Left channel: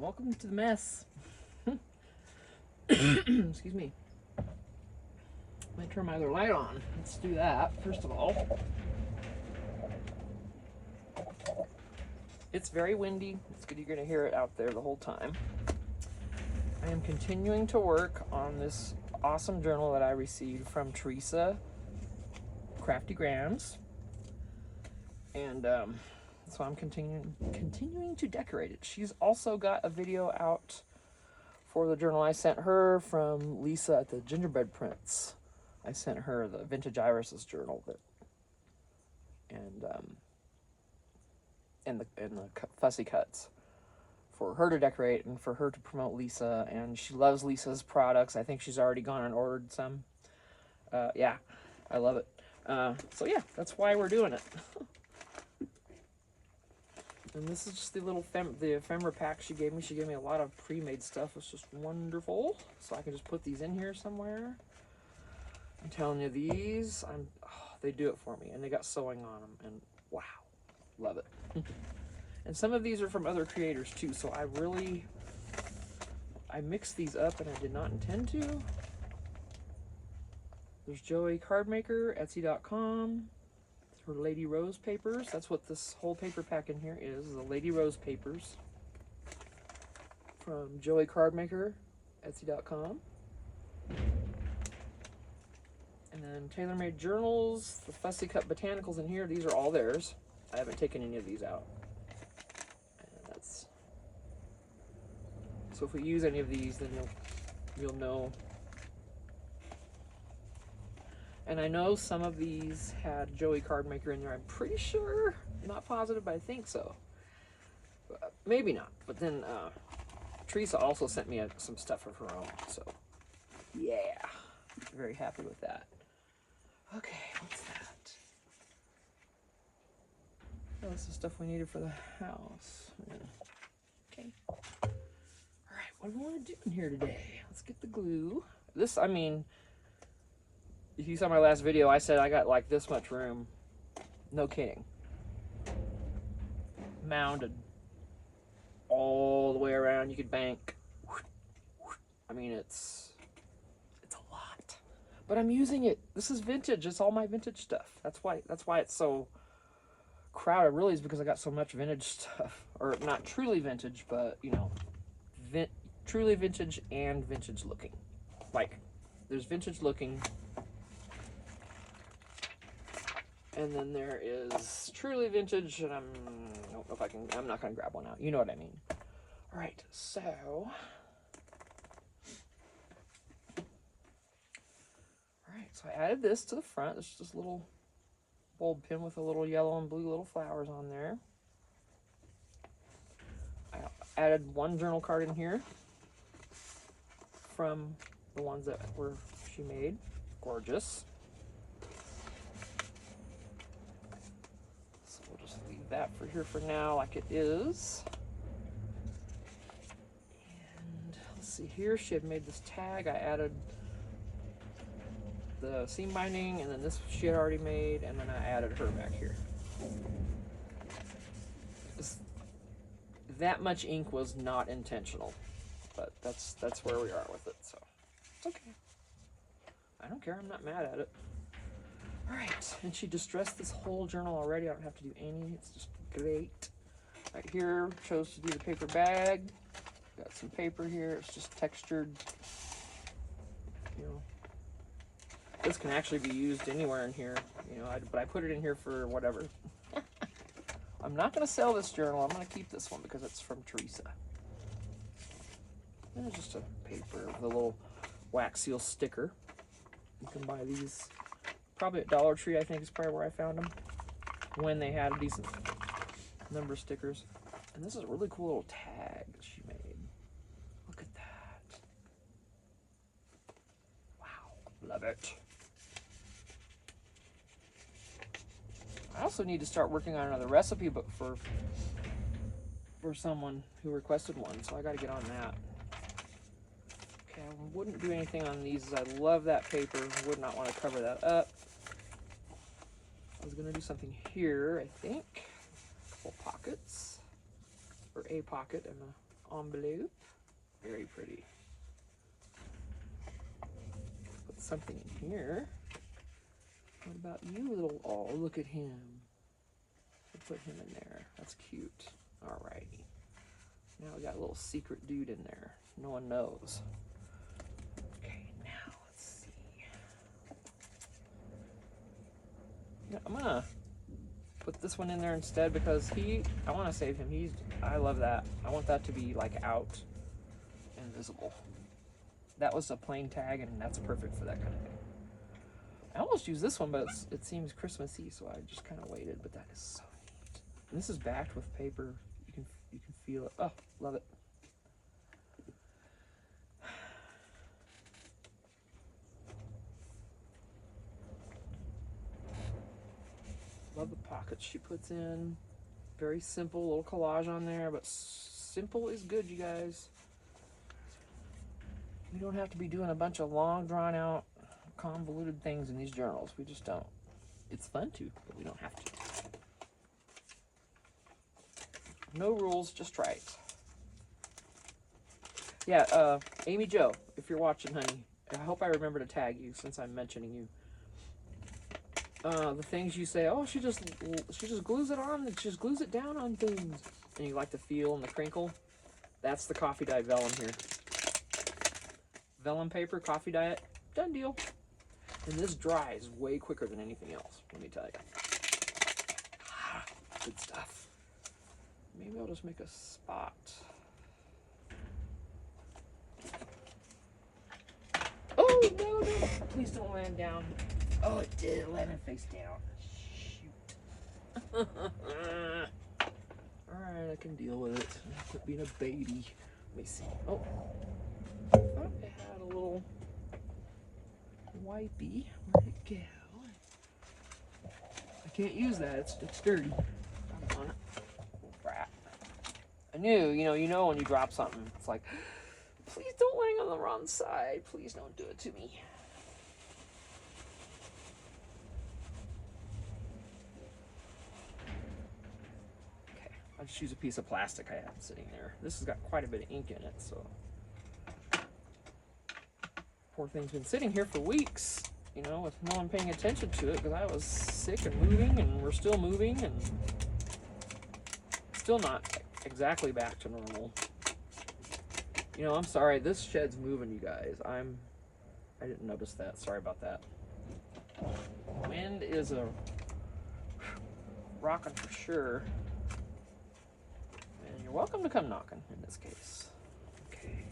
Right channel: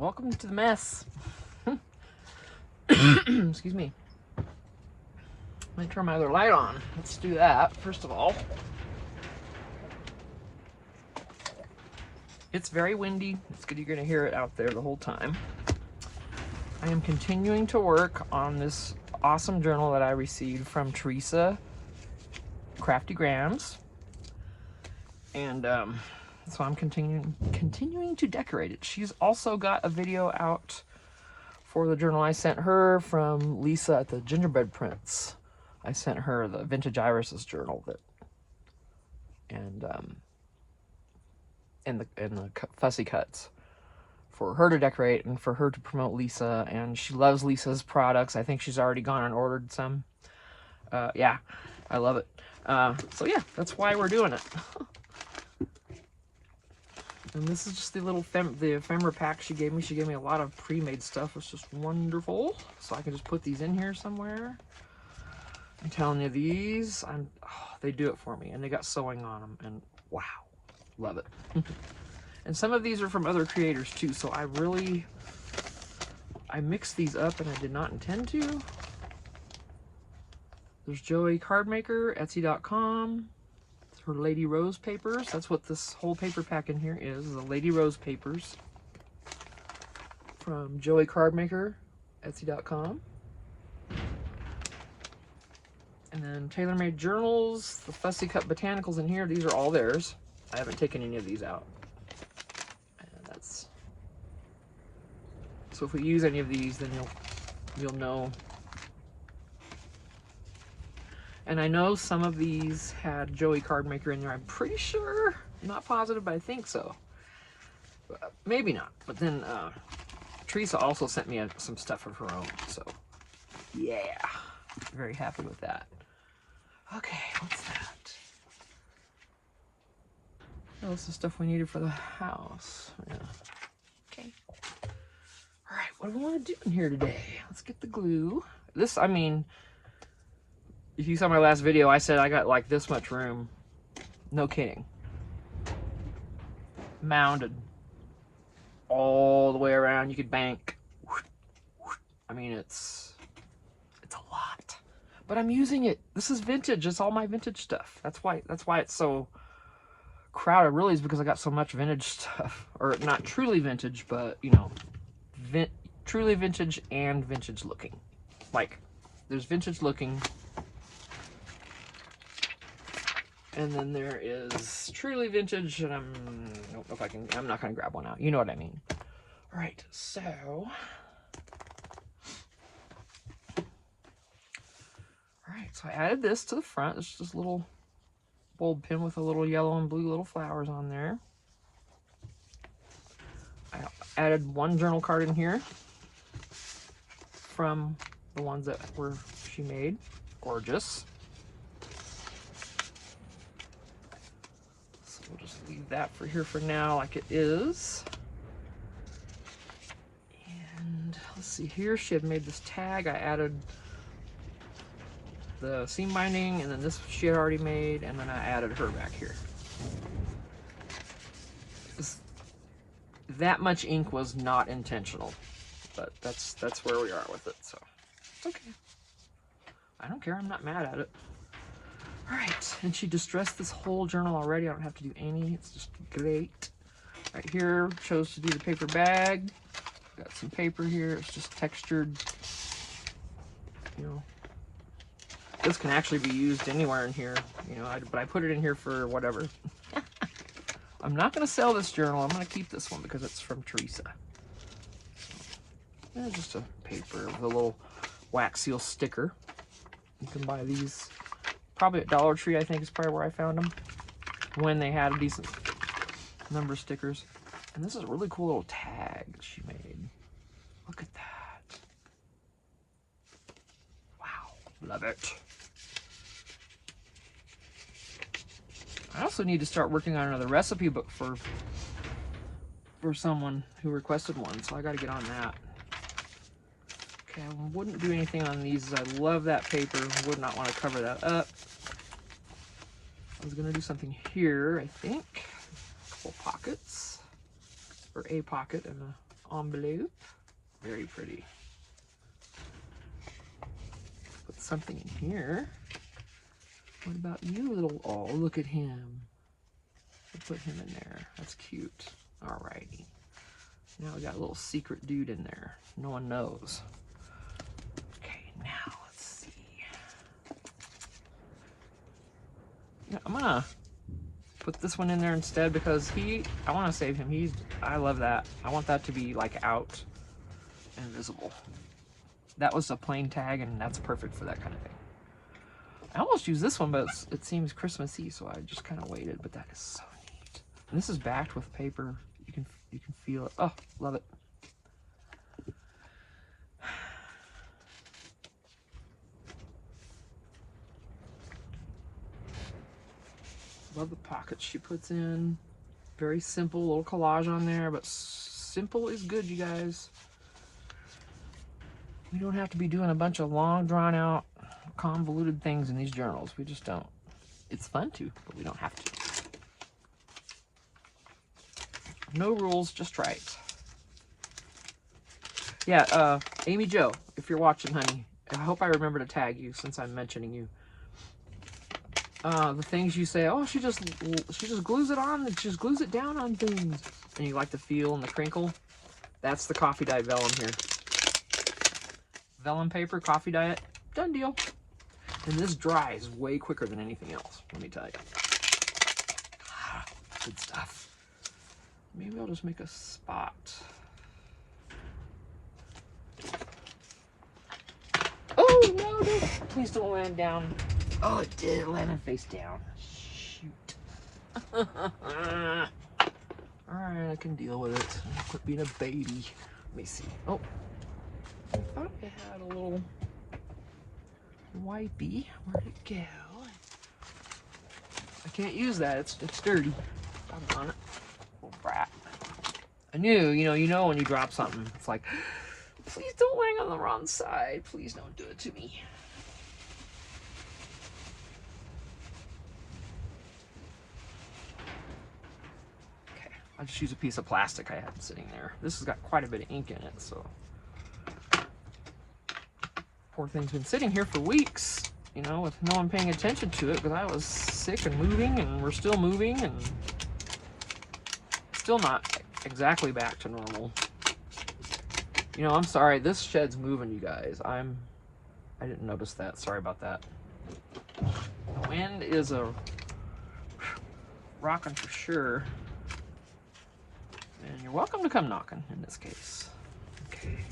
Welcome to the mess. Excuse me. Let me turn my other light on. Let's do that first of all. It's very windy. It's good you're going to hear it out there the whole time. I am continuing to work on this awesome journal that I received from Theresa, Crafty Grams. And so I'm continuing to decorate it. She's also got a video out for the journal I sent her from Lisa at the Gingerbread Prints. I sent her the Vintage Irises journal and the fussy cuts for her to decorate and for her to promote Lisa. And she loves Lisa's products. I think she's already gone and ordered some. Yeah, I love it. So yeah, that's why we're doing it. And this is just the little the ephemera pack she gave me. She gave me a lot of pre-made stuff. It's just wonderful. So I can just put these in here somewhere. I'm telling you, these, they do it for me. And they got sewing on them. And wow, love it. And some of these are from other creators too. So I mixed these up and I did not intend to. There's Joey Cardmaker, Etsy.com. Her Lady Rose papers. That's what this whole paper pack in here is, the Lady Rose papers from Joey Cardmaker, Etsy.com. And then TaylorMade Journals, the Fussy Cut Botanicals in here. These are all theirs. I haven't taken any of these out. And that's so if we use any of these, then you'll know. And I know some of these had Joey Cardmaker in there. I'm pretty sure. I'm not positive, but I think so. Maybe not. But then Theresa also sent me some stuff of her own. So, yeah. Very happy with that. Okay, what's that? Oh, this is stuff we needed for the house. Yeah. Okay. All right, what do we want to do in here today? Let's get the glue. This, I mean... If you saw my last video, I said I got like this much room. No kidding. Mounded. All the way around. You could bank. I mean, it's a lot. But I'm using it. This is vintage. It's all my vintage stuff. That's why it's so crowded. Really is because I got so much vintage stuff. Or not truly vintage, but, you know, truly vintage and vintage looking. Like, there's vintage looking... And then there is truly vintage, and I don't know if I can, I'm not going to grab one out. You know what I mean. All right, so. All right, so I added this to the front. It's just a little bulb pin with a little yellow and blue little flowers on there. I added one journal card in here from the ones that she made. Gorgeous. That for here for now like it is. And let's see here, she had made this tag. I added the seam binding, and then this she had already made, and then I added her back here. That much ink was not intentional, but that's where we are with it, so it's okay. I don't care, I'm not mad at it. All right, and she distressed this whole journal already. I don't have to do any. It's just great. Right here, chose to do the paper bag. Got some paper here. It's just textured. You know, this can actually be used anywhere in here. You know, but I put it in here for whatever. I'm not going to sell this journal. I'm going to keep this one because it's from Theresa. And just a paper with a little wax seal sticker. You can buy these. Probably at Dollar Tree, I think is probably where I found them when they had a decent number of stickers. And this is a really cool little tag that she made. Look at that. Wow, love it. I also need to start working on another recipe book for someone who requested one, so I got to get on that. Okay, I wouldn't do anything on these. I love that paper. Would not want to cover that up. I was going to do something here, I think. A couple pockets. Or a pocket and envelope. Very pretty. Put something in here. What about you, little... Oh, look at him. We'll put him in there. That's cute. Alrighty. Now we got a little secret dude in there. No one knows. Okay, now let's see. Yeah, I'm gonna put this one in there instead because I want to save him. I love that. I want that to be like out and visible. That was a plain tag and that's perfect for that kind of thing. I almost used this one, but it seems Christmassy, so I just kind of waited, but that is so neat. And this is backed with paper. You can feel it. Oh, love it. Love the pockets she puts in. Very simple, little collage on there, but simple is good, you guys. We don't have to be doing a bunch of long, drawn out, convoluted things in these journals. We just don't. It's fun to, but we don't have to. No rules, just right. Yeah, Amy Jo, if you're watching, honey, I hope I remember to tag you since I'm mentioning you. The things you say, oh, she just glues it on, she just glues it down on things. And you like the feel and the crinkle. That's the coffee dye vellum here. Vellum paper, coffee dye it, done deal. And this dries way quicker than anything else, let me tell you. Good stuff. Maybe I'll just make a spot. Oh, no, no. Please don't land down. Oh, it did land face down. Shoot. Alright, I can deal with it. Quit being a baby. Let me see. Oh, I thought I had a little wipey. Where'd it go? I can't use that. It's dirty. I'm on it. Little brat. I knew, you know when you drop something, it's like, please don't land on the wrong side. Please don't do it to me. Okay, I'll just use a piece of plastic I had sitting there. This has got quite a bit of ink in it, so. Poor thing's been sitting here for weeks, with no one paying attention to it because I was sick and moving, and we're still moving, and still not exactly back to normal. I'm sorry, this shed's moving, you guys. I didn't notice that. Sorry about that. The wind is rocking for sure. And you're welcome to come knocking in this case. Okay.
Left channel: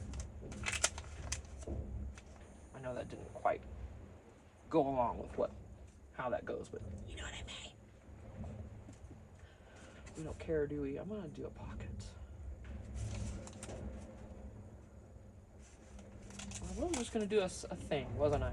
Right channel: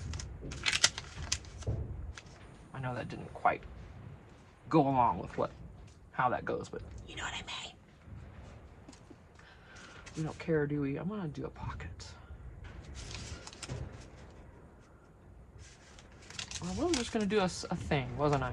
I know that didn't quite go along with how that goes, but you know what I mean. We don't care, do we? I'm gonna do a pocket. Well, I was just gonna do a thing, wasn't I?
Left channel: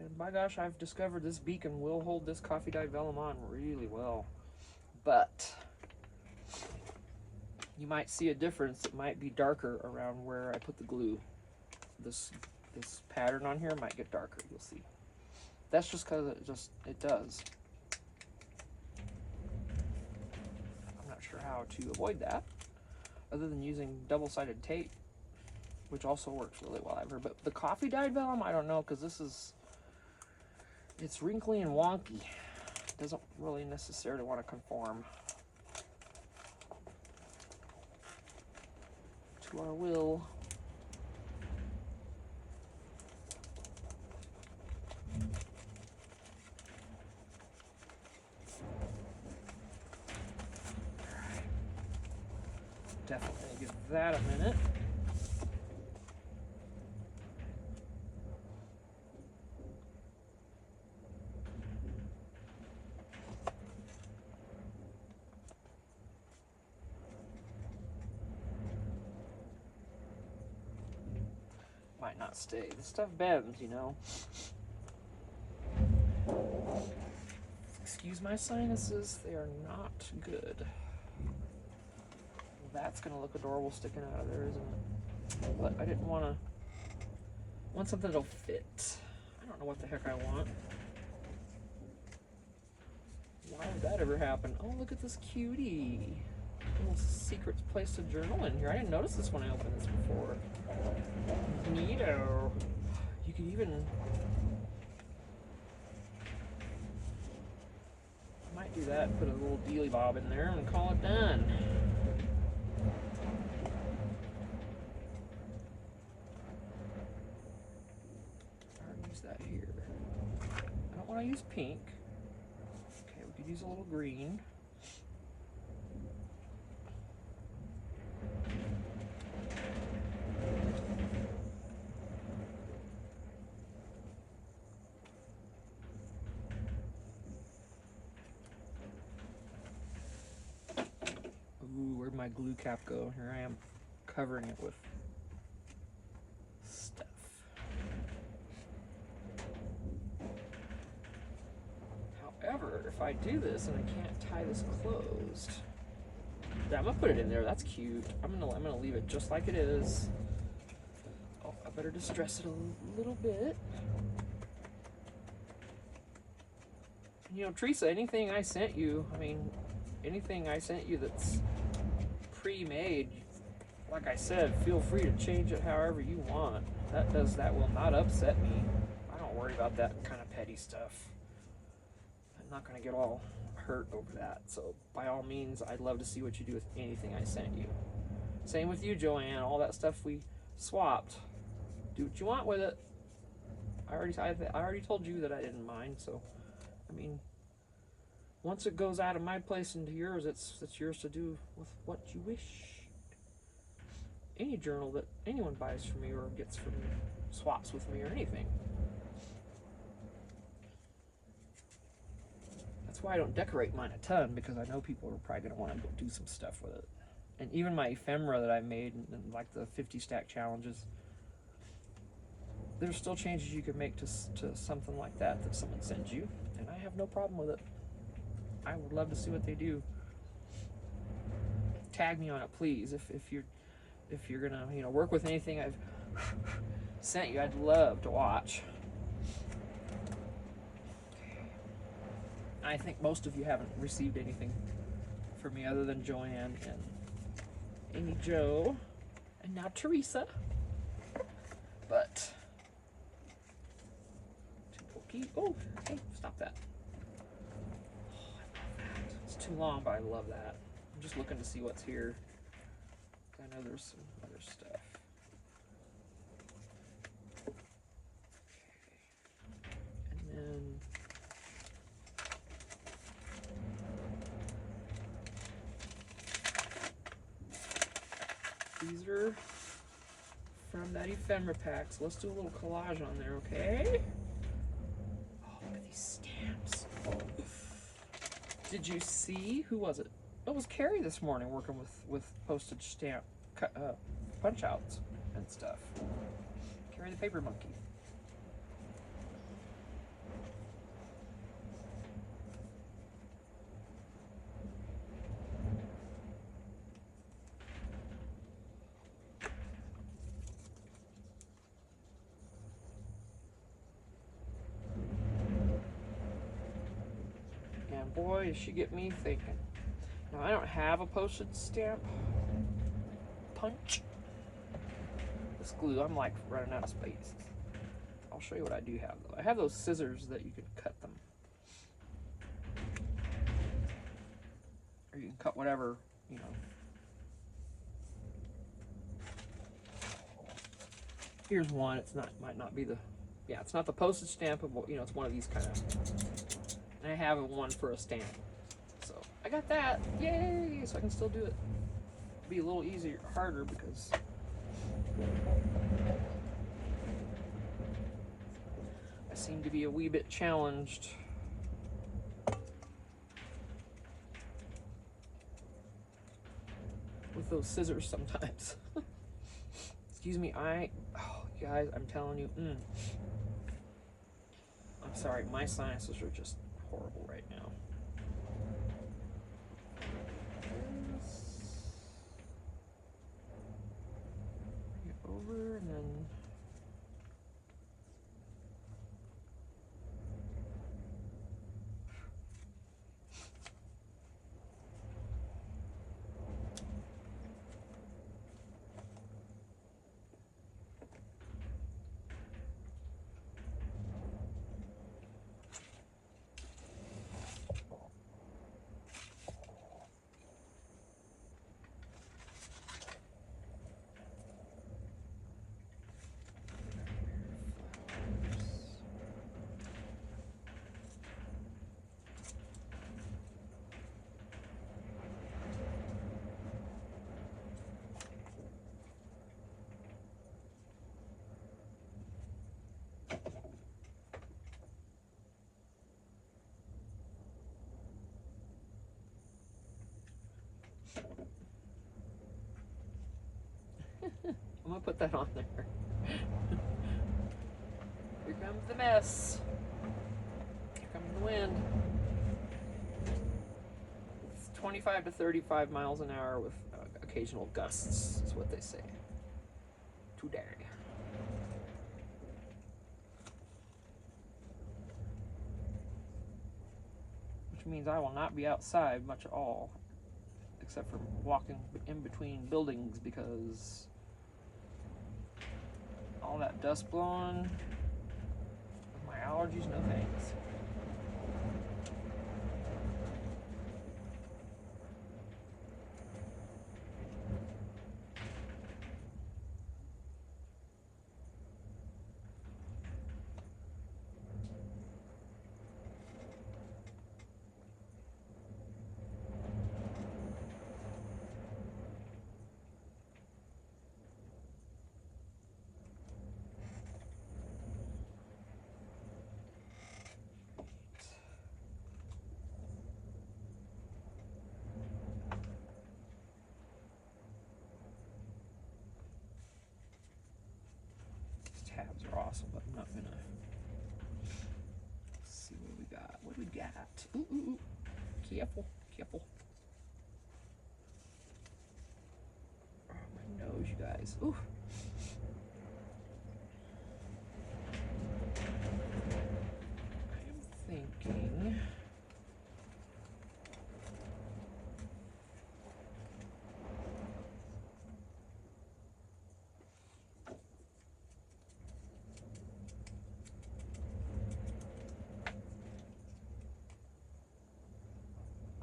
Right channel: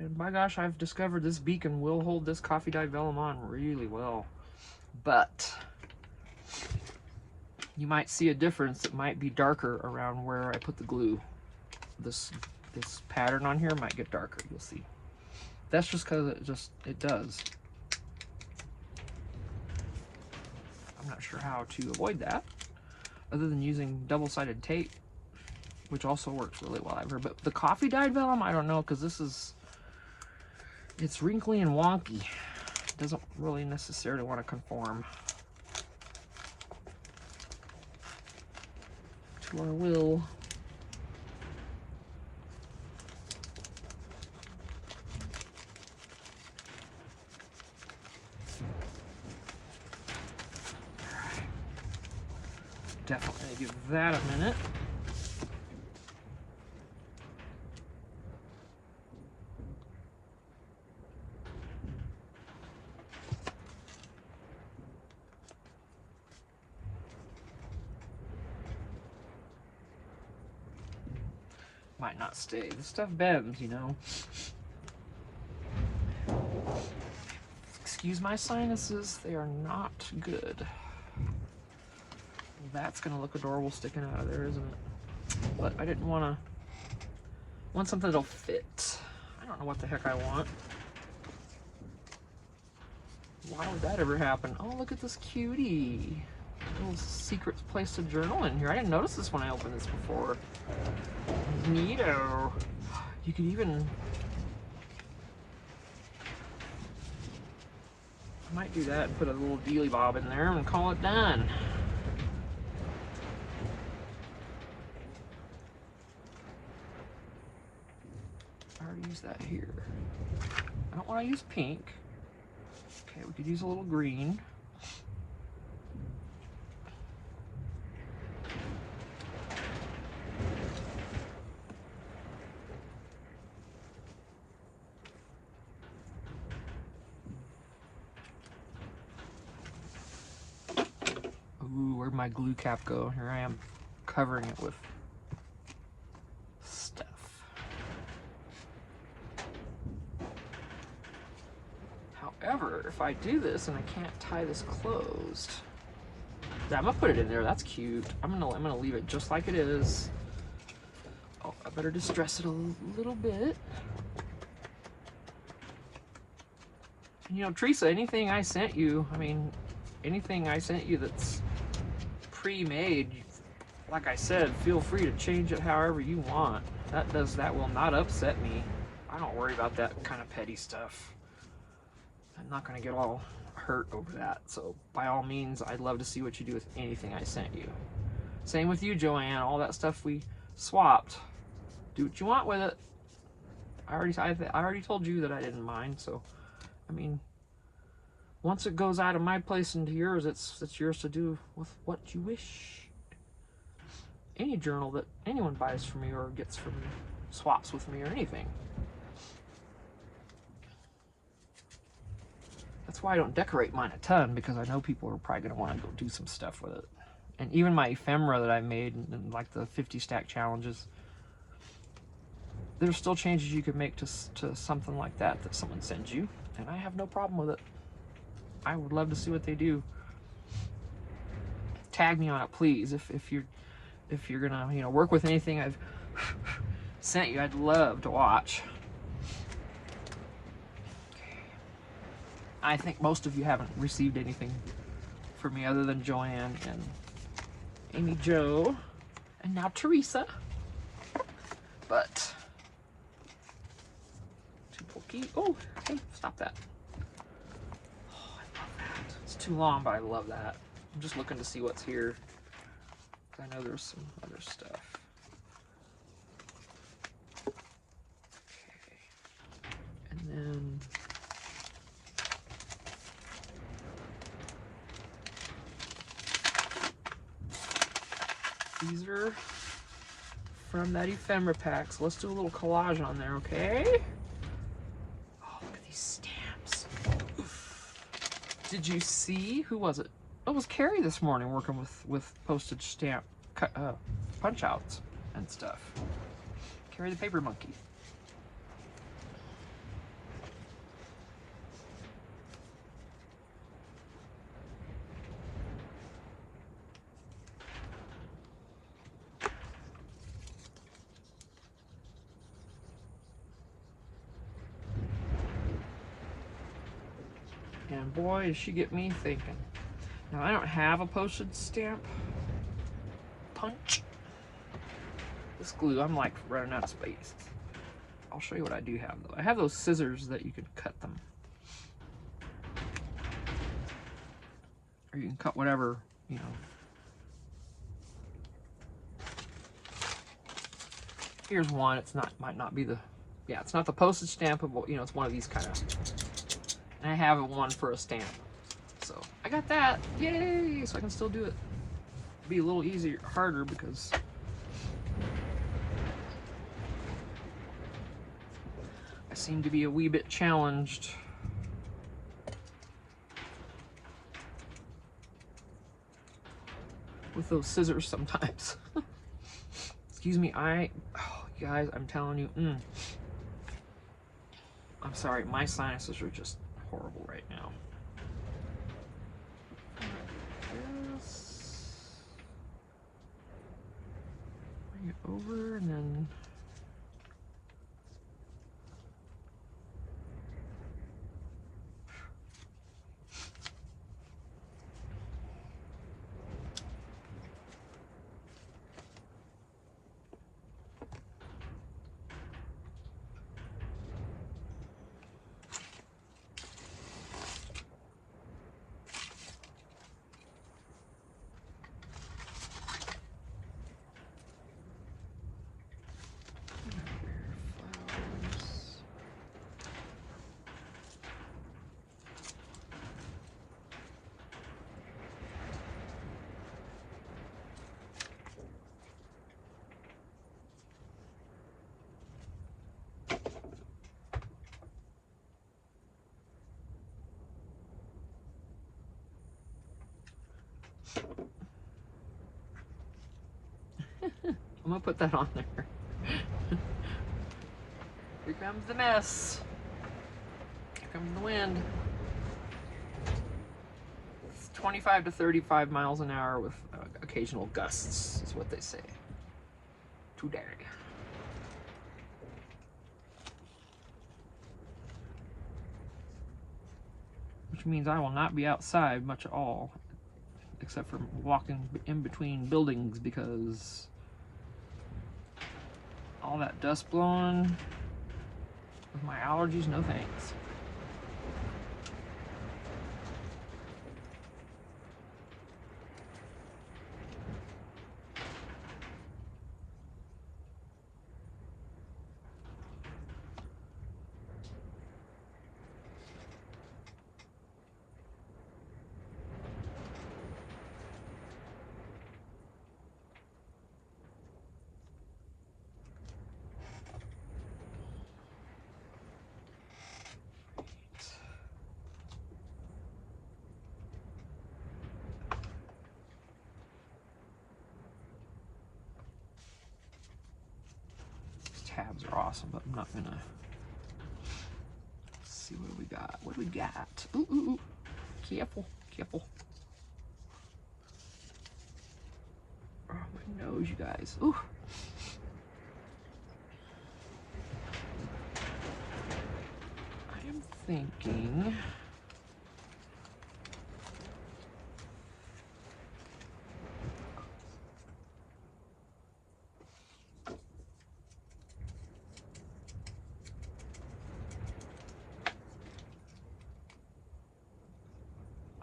And by gosh, I've discovered this beacon will hold this coffee dye vellum on really well. But you might see a difference. It might be darker around where I put the glue. This pattern on here might get darker, you'll see. That's just because it does. I'm not sure how to avoid that, other than using double-sided tape, which also works really well, I've heard. But the coffee dyed vellum, I don't know, because it's wrinkly and wonky. It doesn't really necessarily want to conform to our will. Alright. Definitely give that a minute. Might not stay. This stuff bends, Excuse my sinuses, they are not good. That's gonna look adorable sticking out of there, isn't it? But I didn't want something that'll fit. I don't know what the heck I want. Why would that ever happen? Oh, look at this cutie. Little secret place to journal in here. I didn't notice this when I opened this before. Neato. You could even... I might do that, put a little dealy bob in there and call it done. I already used that here. I don't want to use pink. Okay, we could use a little green. Ooh, where'd my glue cap go? Here I am covering it with stuff. However, if I do this and I can't tie this closed, yeah, I'm gonna put it in there. That's cute. I'm gonna leave it just like it is. Oh, I better distress it a little bit. You know, Theresa, anything I sent you, I mean, anything I sent you that's pre-made, like I said, feel free to change it however you want. That will not upset me. I don't worry about that kind of petty stuff. I'm not gonna get all hurt over that. So by all means, I'd love to see what you do with anything I sent you. Same with you, Joanne. All that stuff we swapped. Do what you want with it. I already told you that I didn't mind. So, I mean, once it goes out of my place into yours, it's yours to do with what you wish. Any journal that anyone buys from me or gets from me, swaps with me or anything. That's why I don't decorate mine a ton, because I know people are probably going to want to go do some stuff with it. And even my ephemera that I made in like the 50 stack challenges, there's still changes you could make to something like that someone sends you, and I have no problem with it. I would love to see what they do. Tag me on it, please. If you're gonna, you know, work with anything I've sent you, I'd love to watch. I think most of you haven't received anything from me other than Joanne and Amy Jo, and now Theresa. But too pokey. Oh, hey, stop that. Oh, I love that. It's too long, but I love that. I'm just looking to see what's here. I know there's some other stuff. Okay. And then these are from that ephemera pack, so let's do a little collage on there, okay? Oh, look at these stamps. Did you see? Who was it? Oh, it was Carrie this morning working with postage stamp punch outs and stuff. Carrie the paper monkey. And boy, does she get me thinking. Now, I don't have a postage stamp punch. This glue, I'm like running out of space. I'll show you what I do have though. I have those scissors that you can cut them. Or you can cut whatever, you know. Here's one. It's not, might not be the, yeah, it's not the postage stampable, you know, it's one of these kind of. And I have one for a stamp. So I got that. Yay! So I can still do it. Be a little easier, harder because I seem to be a wee bit challenged. With those scissors sometimes. Excuse me, oh, you guys, I'm telling you, I'm sorry, my sinuses are just horrible right now. over and then I'm gonna put that on there. Here comes the mess. Here comes the wind. It's 25 to 35 miles an hour with occasional gusts, is what they say. Today. Which means I will not be outside much at all, except for walking in between buildings because all that dust blowing with my allergies, no thanks. Tabs are awesome, but I'm not gonna. Let's see what we got. What do we got? Ooh, ooh, ooh. Careful, careful. Oh, my nose, you guys. Ooh. I am thinking.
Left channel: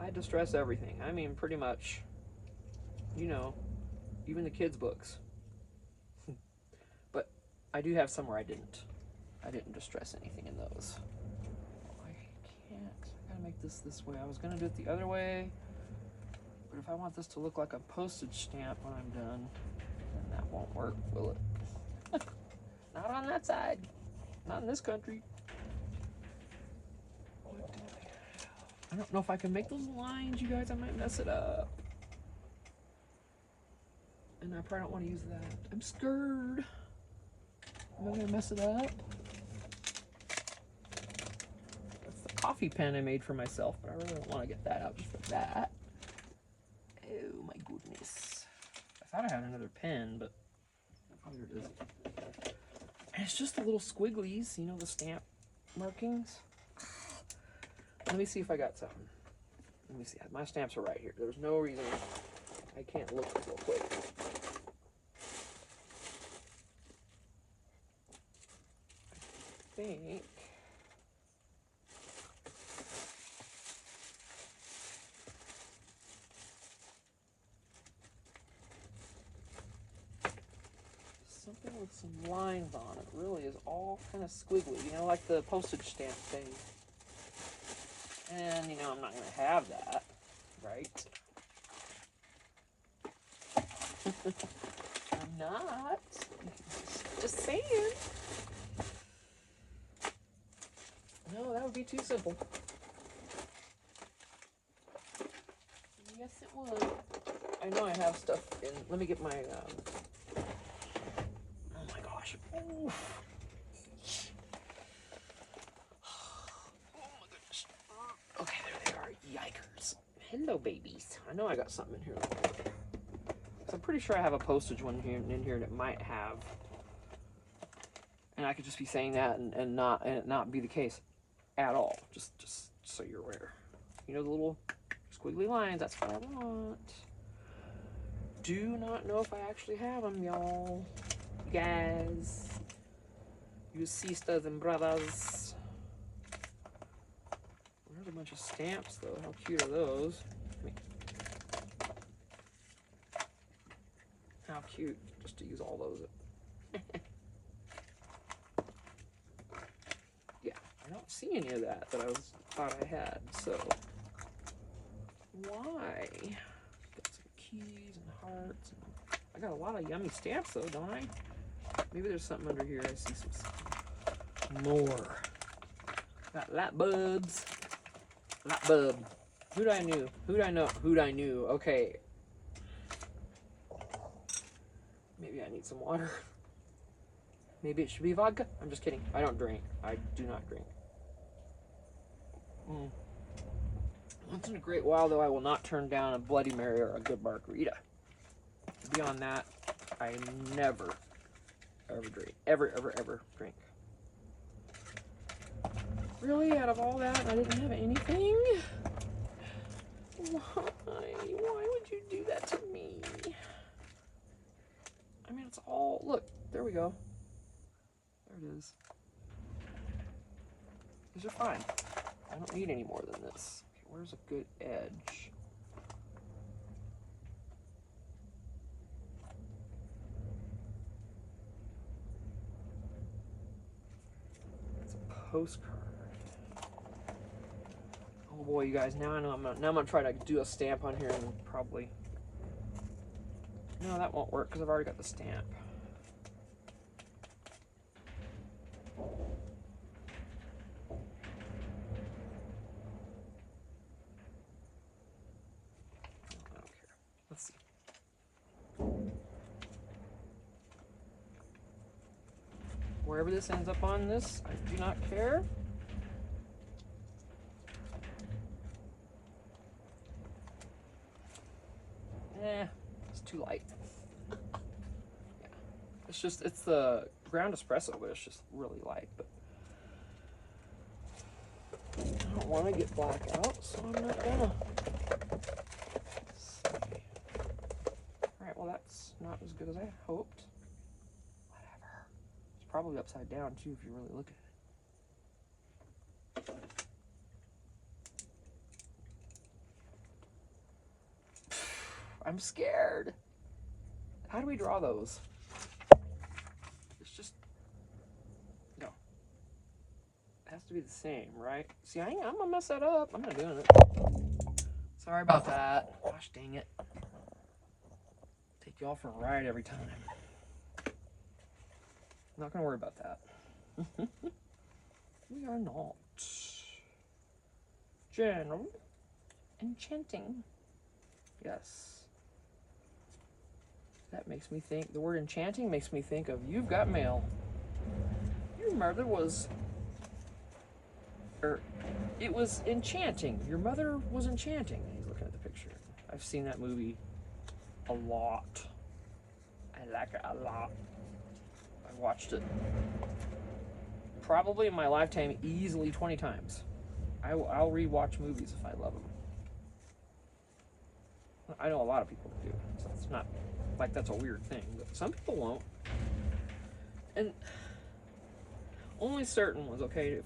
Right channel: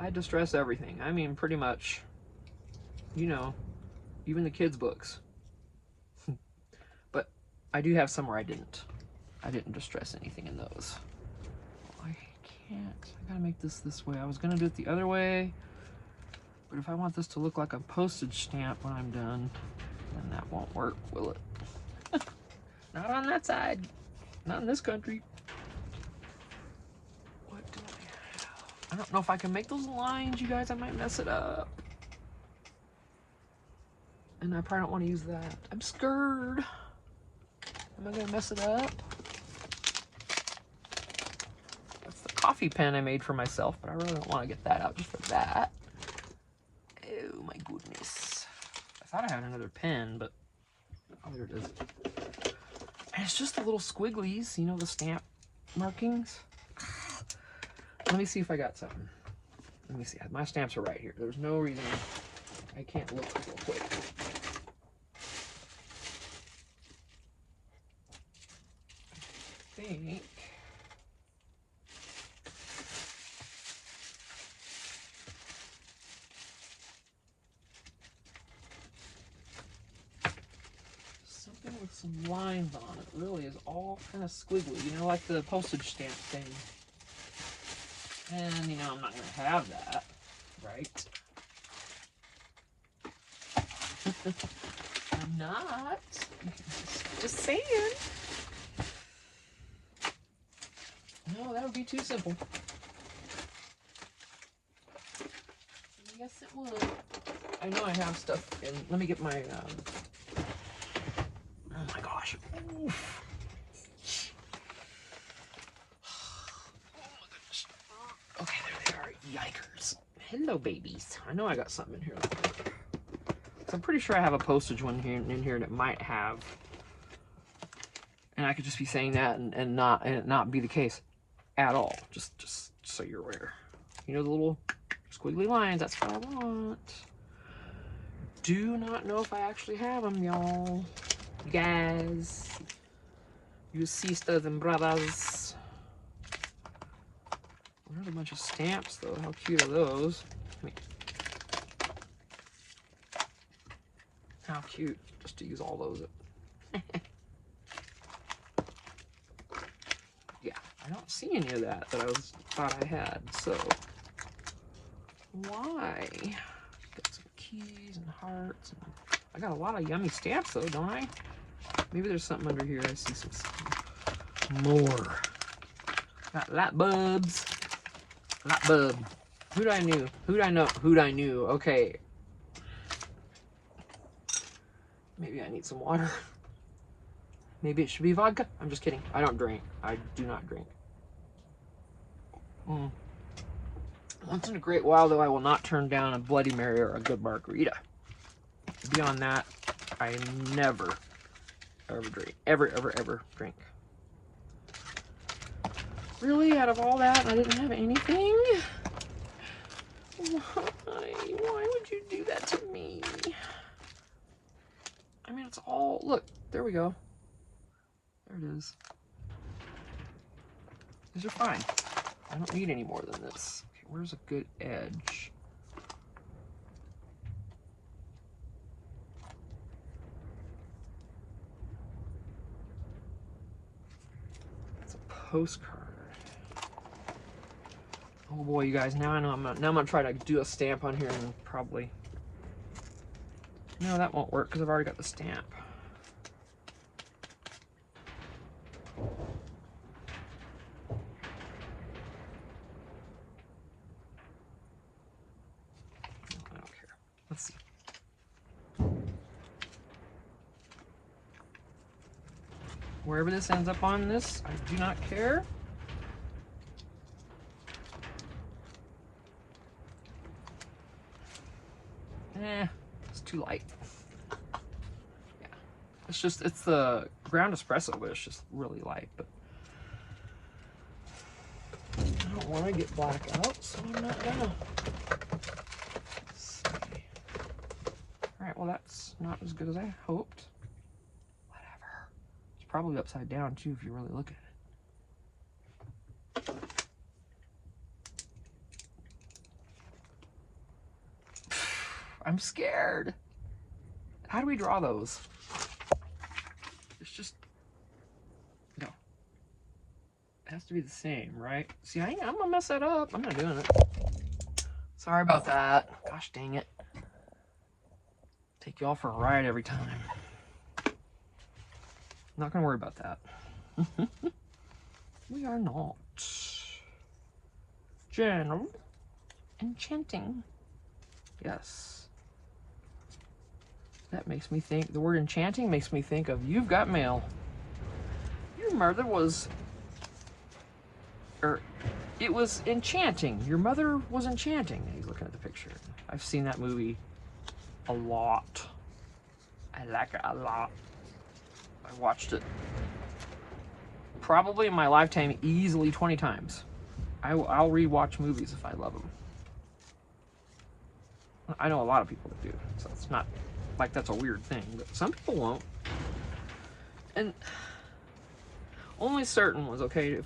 I distress everything. I mean, pretty much, you know, even the kids' books. But I do have some where I didn't distress anything in those. I can't. I gotta make this way. I was gonna do it the other way, but if I want this to look like a postage stamp when I'm done, then that won't work, will it? Not on that side. Not in this country. I don't know if I can make those lines, you guys. I might mess it up. And I probably don't want to use that. I'm scared. Am I gonna mess it up? That's the coffee pen I made for myself, but I really don't want to get that out just for that. Oh my goodness. I thought I had another pen, but oh, there it is. And it's just the little squigglies, you know, the stamp markings. Let me see if I got something. Let me see. My stamps are right here. There's no reason I can't look real quick. I think. Something with some lines on it. Really is all kind of squiggly. You know, like the postage stamp thing. And, you know, I'm not going to have that, right? I'm not. Just saying. No, that would be too simple. Yes, it would. I know I have stuff in. Let me get my, oh my gosh. Oof. Okay, there they are. Yikers. Hello, babies. I know I got something in here. I'm pretty sure I have a postage one here in here that might have, and I could just be saying that and it not be the case at all. Just so you're aware. You know the little squiggly lines, that's what I want. Do not know if I actually have them, y'all. You guys. You sisters and brothers. Another bunch of stamps, though. How cute are those? How cute, just to use all those. Yeah, I don't see any of that I thought I had, so why? Got some keys and hearts. I got a lot of yummy stamps, though, don't I? Maybe there's something under here. I see some more. Got light bulbs. Light bulb. Who'd I knew? Who'd I know? Who'd I knew? Okay. Maybe I need some water. Maybe it should be vodka. I'm just kidding. I don't drink. I do not drink. Once in a great while, though, I will not turn down a Bloody Mary or a good margarita. Beyond that, I never, ever drink. Ever drink. Really? Out of all that, I didn't have anything? Why? Why would you do that to me? I mean, it's all... Look, there we go. There it is. These are fine. I don't need any more than this. Okay, where's a good edge? That's a postcard. Oh boy, you guys, now I know I'm gonna try to do a stamp on here and probably... No, that won't work because I've already got the stamp. I don't care. Let's see. Wherever this ends up on this, I do not care. It's too light. Yeah. It's the ground espresso, but it's just really light. But I don't want to get black out, so I'm not gonna. Let's see. Alright, well that's not as good as I hoped. Whatever. It's probably upside down too if you really look at it. I'm scared. How do we draw those? It's just... No. It has to be the same, right? See, I'm gonna mess that up. I'm not doing it. Sorry about that. Gosh dang it. Take y'all for a ride every time. Not gonna worry about that. We are not. General enchanting. Yes. That makes me think, the word enchanting makes me think of You've Got Mail. Your mother was, it was enchanting. Your mother was enchanting. And he's looking at the picture. I've seen that movie a lot. I like it a lot. I watched it probably in my lifetime easily 20 times. I'll rewatch movies if I love them. I know a lot of people that do, so it's not like that's a weird thing, but some people won't. And only certain ones, okay?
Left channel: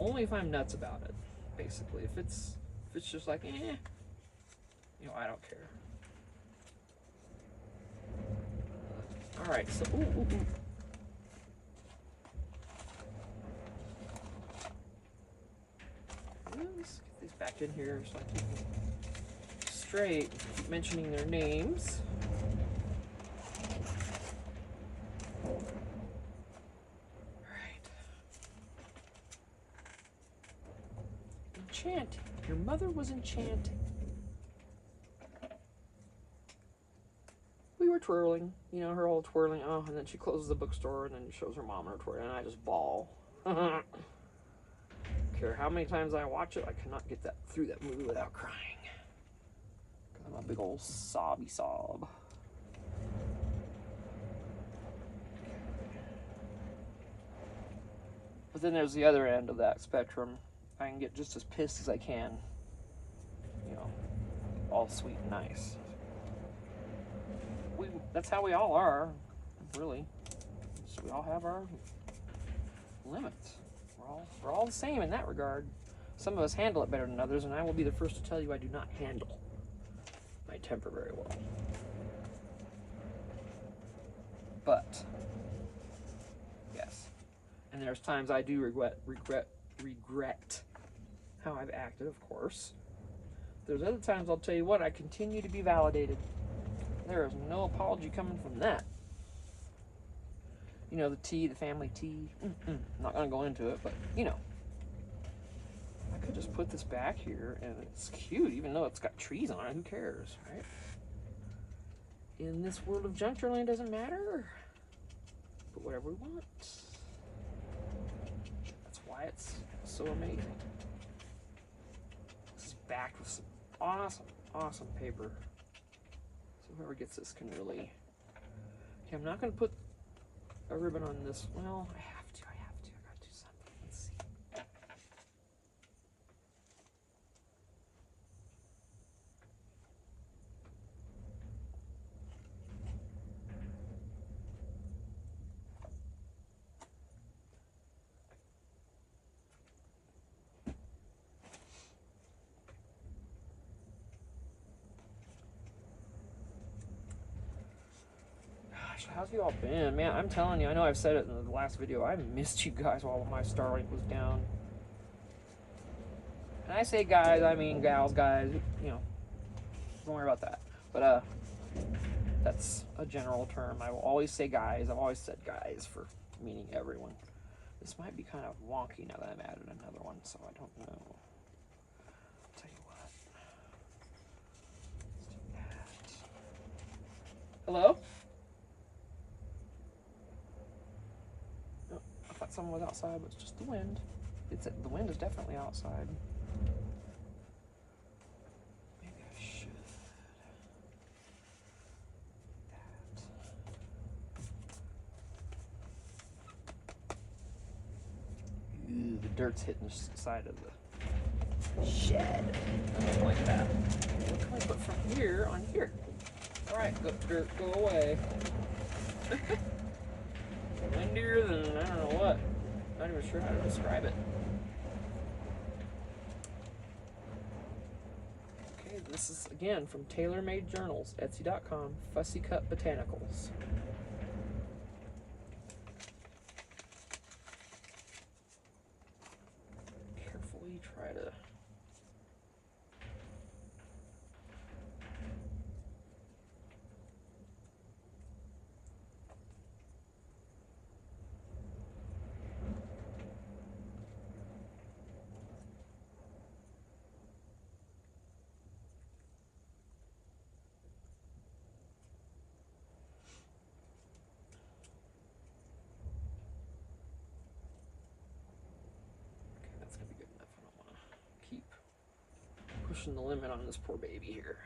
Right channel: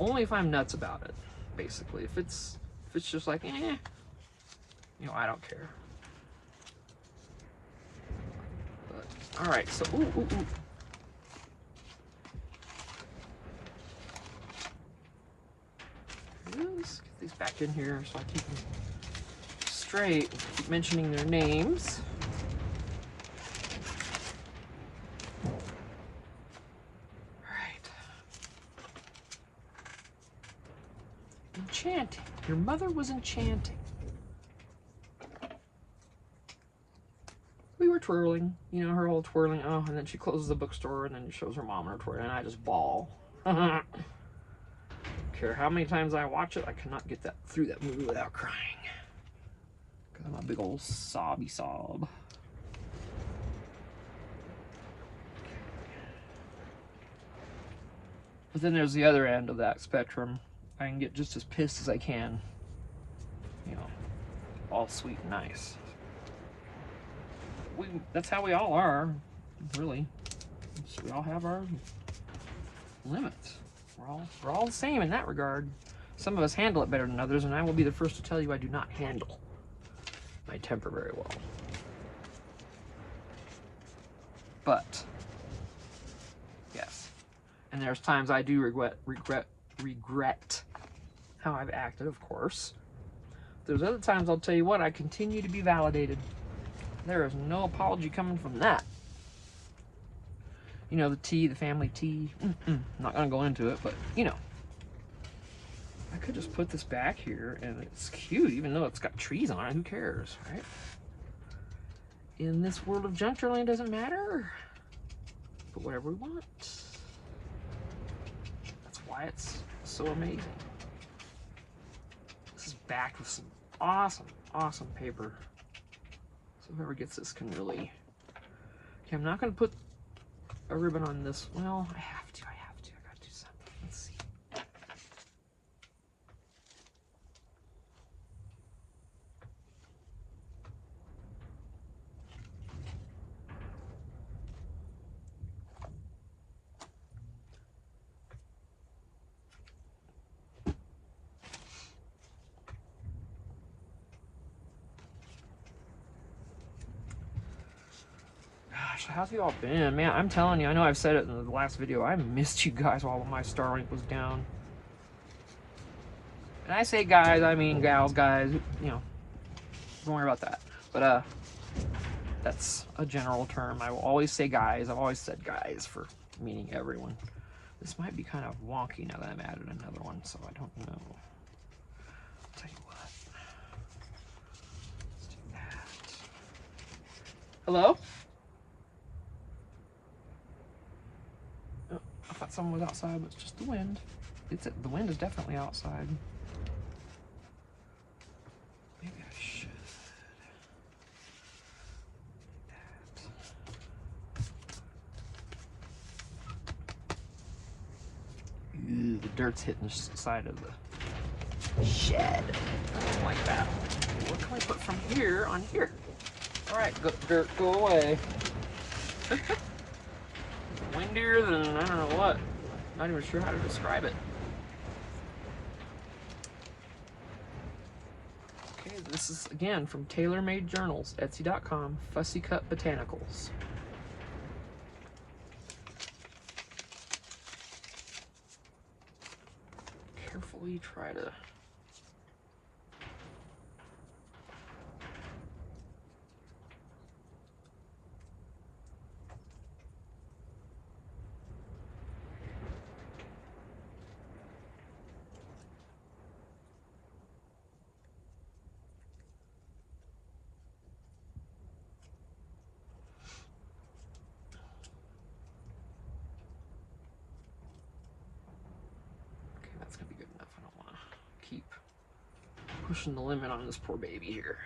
Only if I'm nuts about it, basically. If it's just like, you know, I don't care. But, all right, so, ooh. Let's get these back in here so I keep them straight, keep mentioning their names. Enchanting. Your mother was enchanting. We were twirling, you know, her whole twirling. Oh, and then she closes the bookstore and then she shows her mom her twirling, and I just bawl. Don't care how many times I watch it, I cannot get through that movie without crying. Because I'm a big old sobby sob. But then there's the other end of that spectrum. I can get just as pissed as I can. You know, all sweet and nice. That's how we all are, really. We all have our limits. We're all the same in that regard. Some of us handle it better than others, and I will be the first to tell you I do not handle my temper very well. But yes, and there's times I do regret how I've acted, of course. There's other times I'll tell you what, I continue to be validated. There is no apology coming from that. You know, the tea, the family tea. I'm not gonna go into it, but you know. I could just put this back here and it's cute, even though it's got trees on it. Who cares, right? In this world of junk journaling, it doesn't matter. Put whatever we want. That's why it's so amazing. This is backed with some awesome paper. So whoever gets this can really... Okay, I'm not going to put a ribbon on this. Well, I have to. I gotta do something. Let's see. How's you all been? Man, I'm telling you, I know I've said it in the last video, I missed you guys while my Starlink was down. And I say guys, I mean gals, guys, you know, don't worry about that. But, that's a general term. I will always say guys. I've always said guys for meaning everyone. This might be kind of wonky now that I've added another one, so I don't know. I'll tell you what. Let's do that. Hello? I thought someone was outside, but it's just the wind. The wind is definitely outside. Maybe I should. Ew, the dirt's hitting the side of the shed. I don't like that. What can we put from here on here? All right, dirt, go away. Windier than I don't know what. Not even sure how to describe it. Okay, this is again from Tailor Made Journals, Etsy.com, Fussy Cut Botanicals. Carefully try to. Pushing the limit on this poor baby here.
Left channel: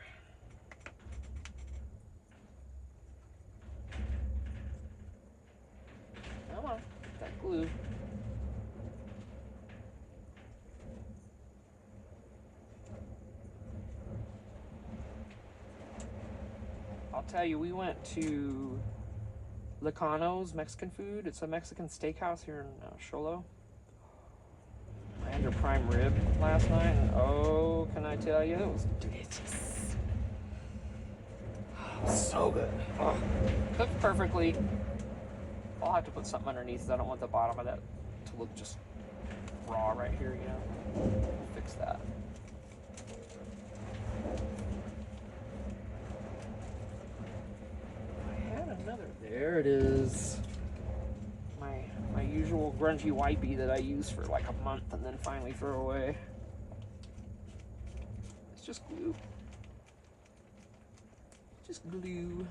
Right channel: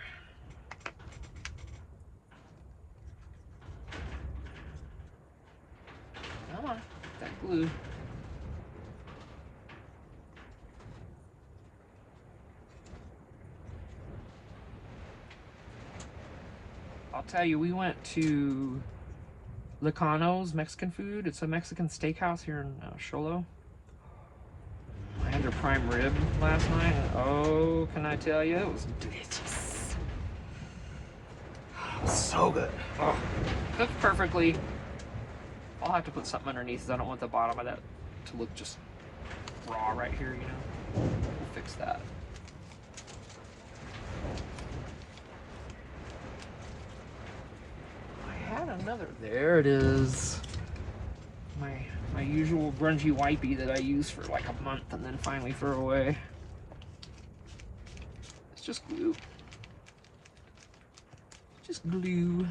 Come on, that glue. I'll tell you, we went to Lacano's Mexican food. It's a Mexican steakhouse here in Sholo. I had their prime rib last night, and oh, can I tell you, it was delicious. Oh, so good. Oh, cooked perfectly. I'll have to put something underneath because I don't want the bottom of that to look just raw right here, you know. We'll fix that. I had another. There it is. My usual grungy wipey that I use for like a month and then finally throw away. It's just glue. Just glue.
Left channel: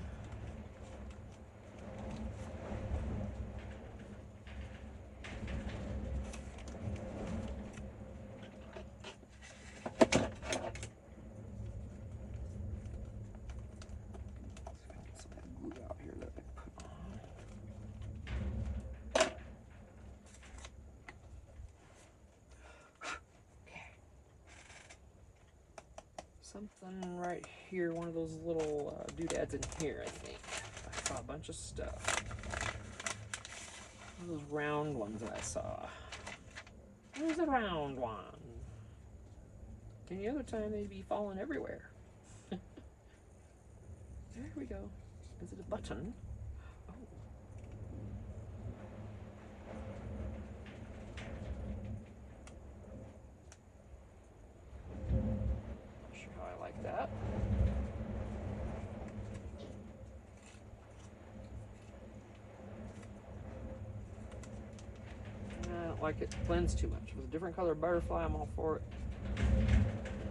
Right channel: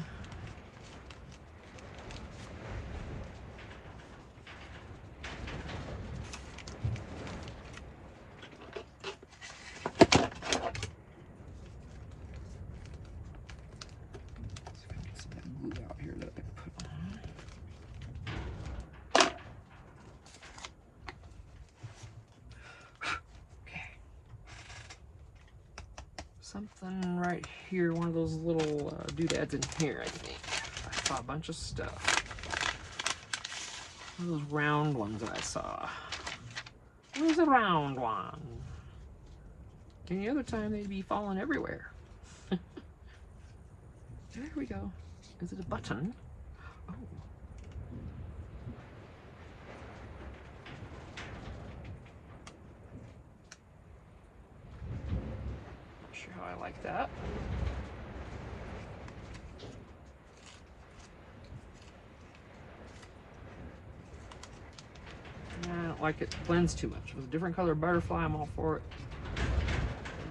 something right here, one of those little doodads in here, I think. I saw a bunch of stuff. One of those round ones that I saw. Where's a round one? Any other time they'd be falling everywhere. There we go. Is it a button? Oh. Not sure how I like that. I don't like it. It blends too much. With a different color butterfly, I'm all for it.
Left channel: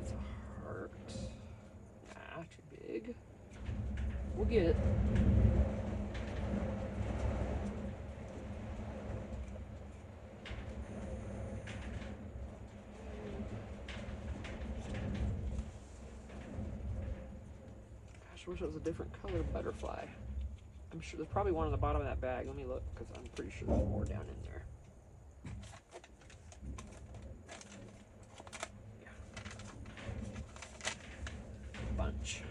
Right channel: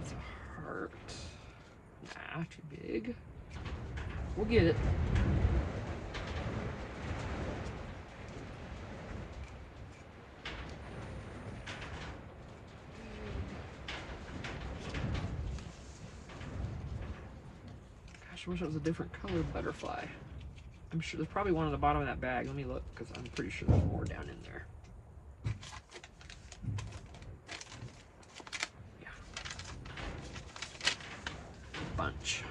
It's a heart. Nah, too big. We'll get it. Gosh, I wish it was a different color butterfly. I'm sure there's probably one on the bottom of that bag. Let me look, because I'm pretty sure there's more down in there. Yeah. Bunch.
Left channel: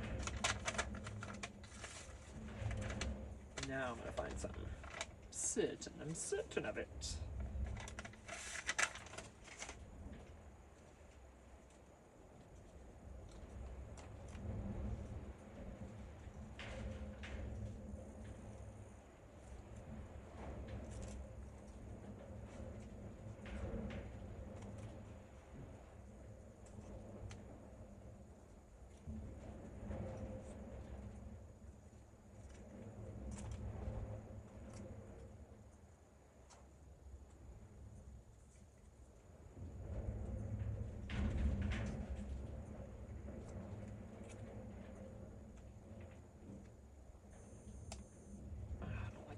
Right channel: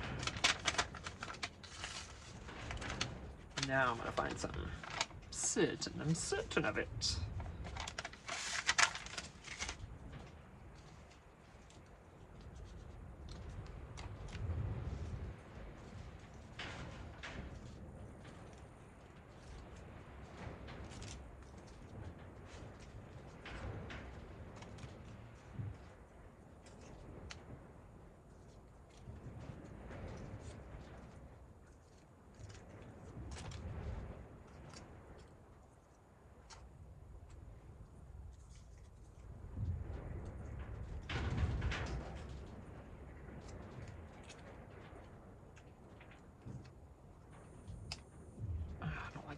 Now I'm gonna find something. I'm certain of it.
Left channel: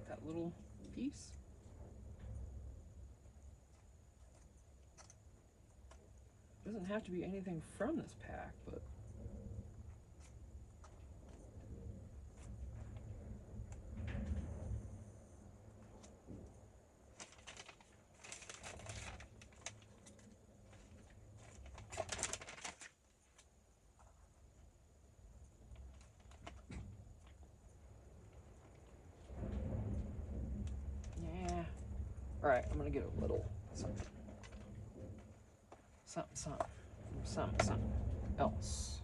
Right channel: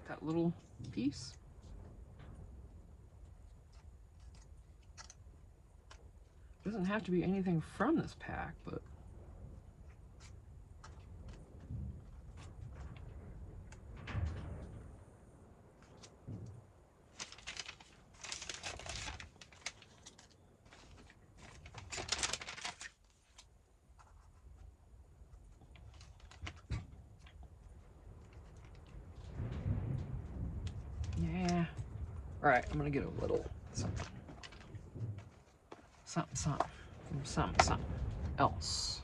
That little piece. Doesn't have to be anything from this pack, but yeah. All right, I'm gonna get a little something, something else.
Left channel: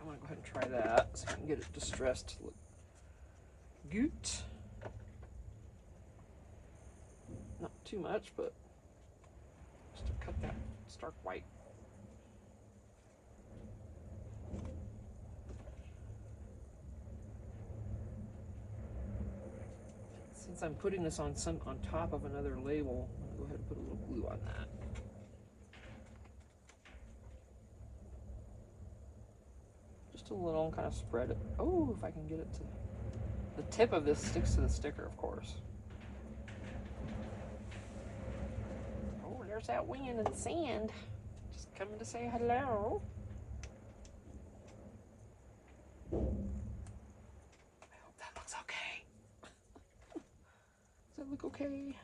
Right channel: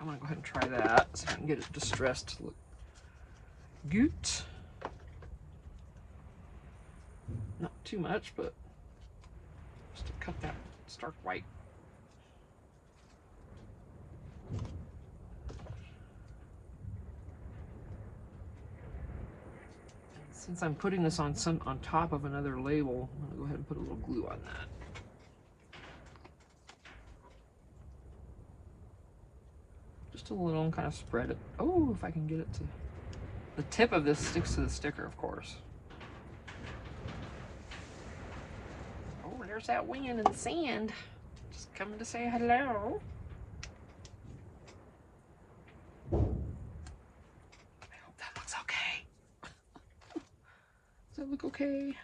I'm gonna go ahead and try that so I can get it distressed to look good. Not too much, but just to cut that stark white. Since I'm putting this on top of another label, I'm gonna go ahead and put a little glue on that. Just a little, and kind of spread it. Oh, if I can get it to, the tip of this sticks to the sticker, of course. Oh, there's that wind and the sand. Just coming to say hello. I hope that looks okay. Does that look okay?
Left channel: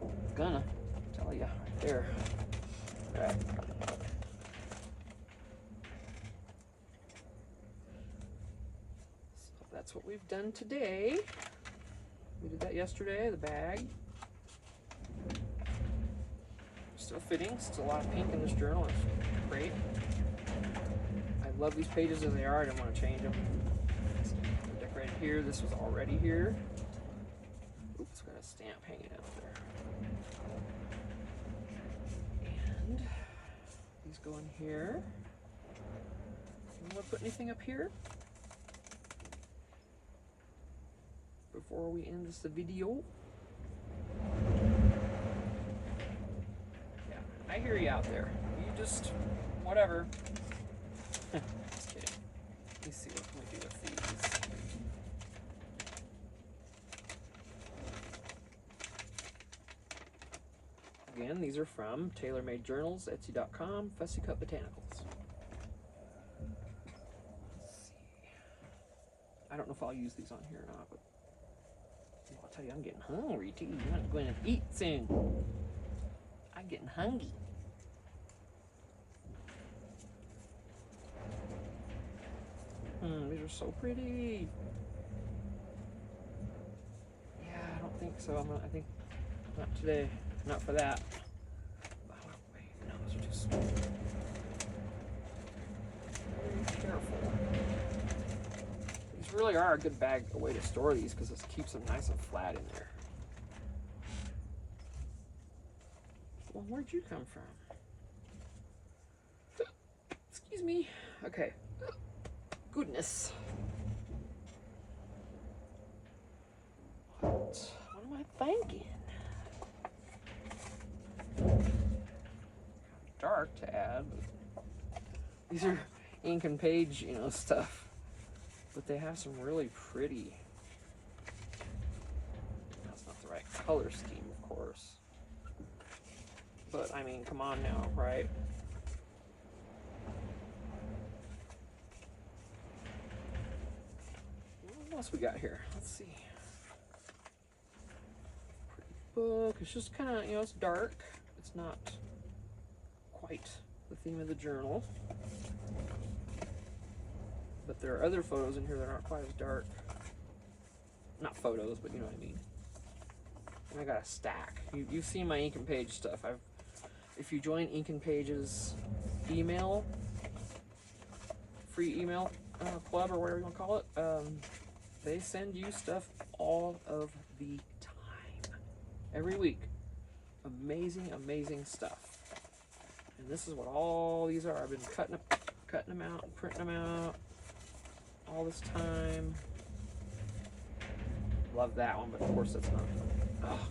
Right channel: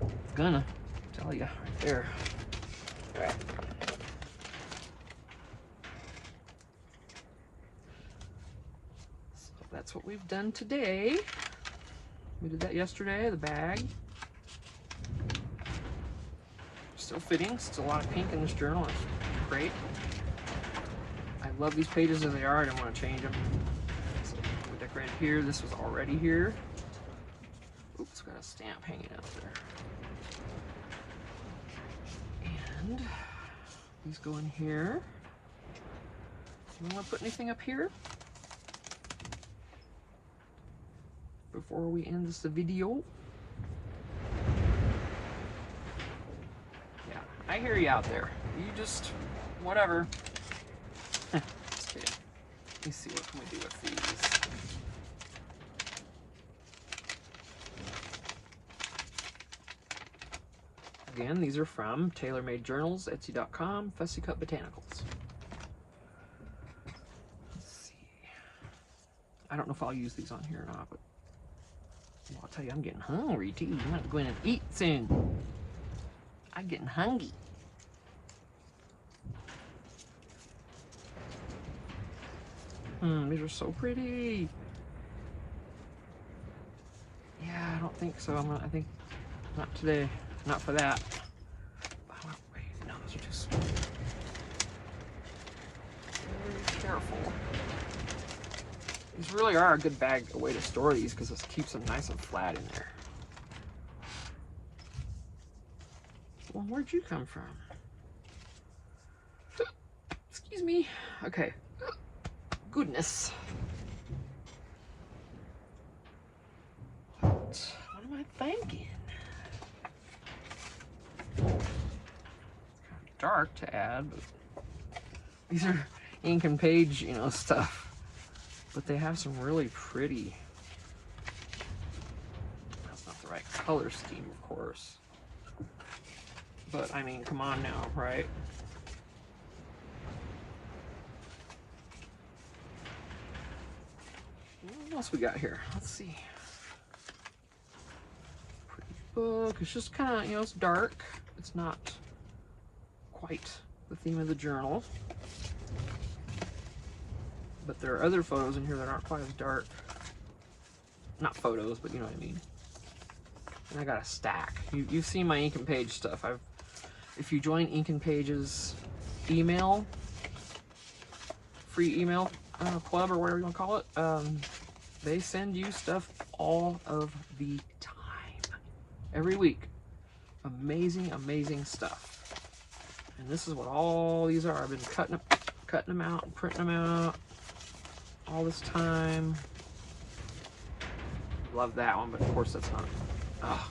It's gonna, tell you, right there. All right. So that's what we've done today. We did that yesterday, the bag. Still fitting, still a lot of pink in this journal. It's great. I love these pages as they are. I didn't want to change them. So we decorated here. This was already here. Oops, got a stamp hanging out there. And these go in here. You want to put anything up here before we end this video? Yeah, I hear you out there. You just, whatever. Just kidding. Let me see, what can we do with these? Again, these are from Tailor Made Journals, Etsy.com, Fussy Cut Botanicals. Let's see. I don't know if I'll use these on here or not, but tell you, I'm getting hungry too. I'm gonna go in and eat soon. I'm getting hungry. These are so pretty. Yeah, I don't think so. I think not today. Not for that. Oh, wait, no, those are too small. Very careful. These really are a good way to store these because this keeps them nice and flat in there. Well, where'd you come from? Excuse me. Okay. Goodness. What am I thinking? It's kind of dark to add, but these are ink and page, you know, stuff. But they have some really pretty. That's not the right color scheme, of course. But I mean, come on now, right? What else we got here? Let's see. Pretty book. It's just kind of, you know, it's dark. It's not quite the theme of the journal. But there are other photos in here that aren't quite as dark. Not photos, but you know what I mean. And I got a stack. You've seen my Ink and Page stuff. If you join Ink and Page's email, free email club or whatever you want to call it, they send you stuff all of the time, every week. Amazing, amazing stuff. And this is what all these are. I've been cutting them out and printing them out all this time. Love that one, but of course that's not. Oh.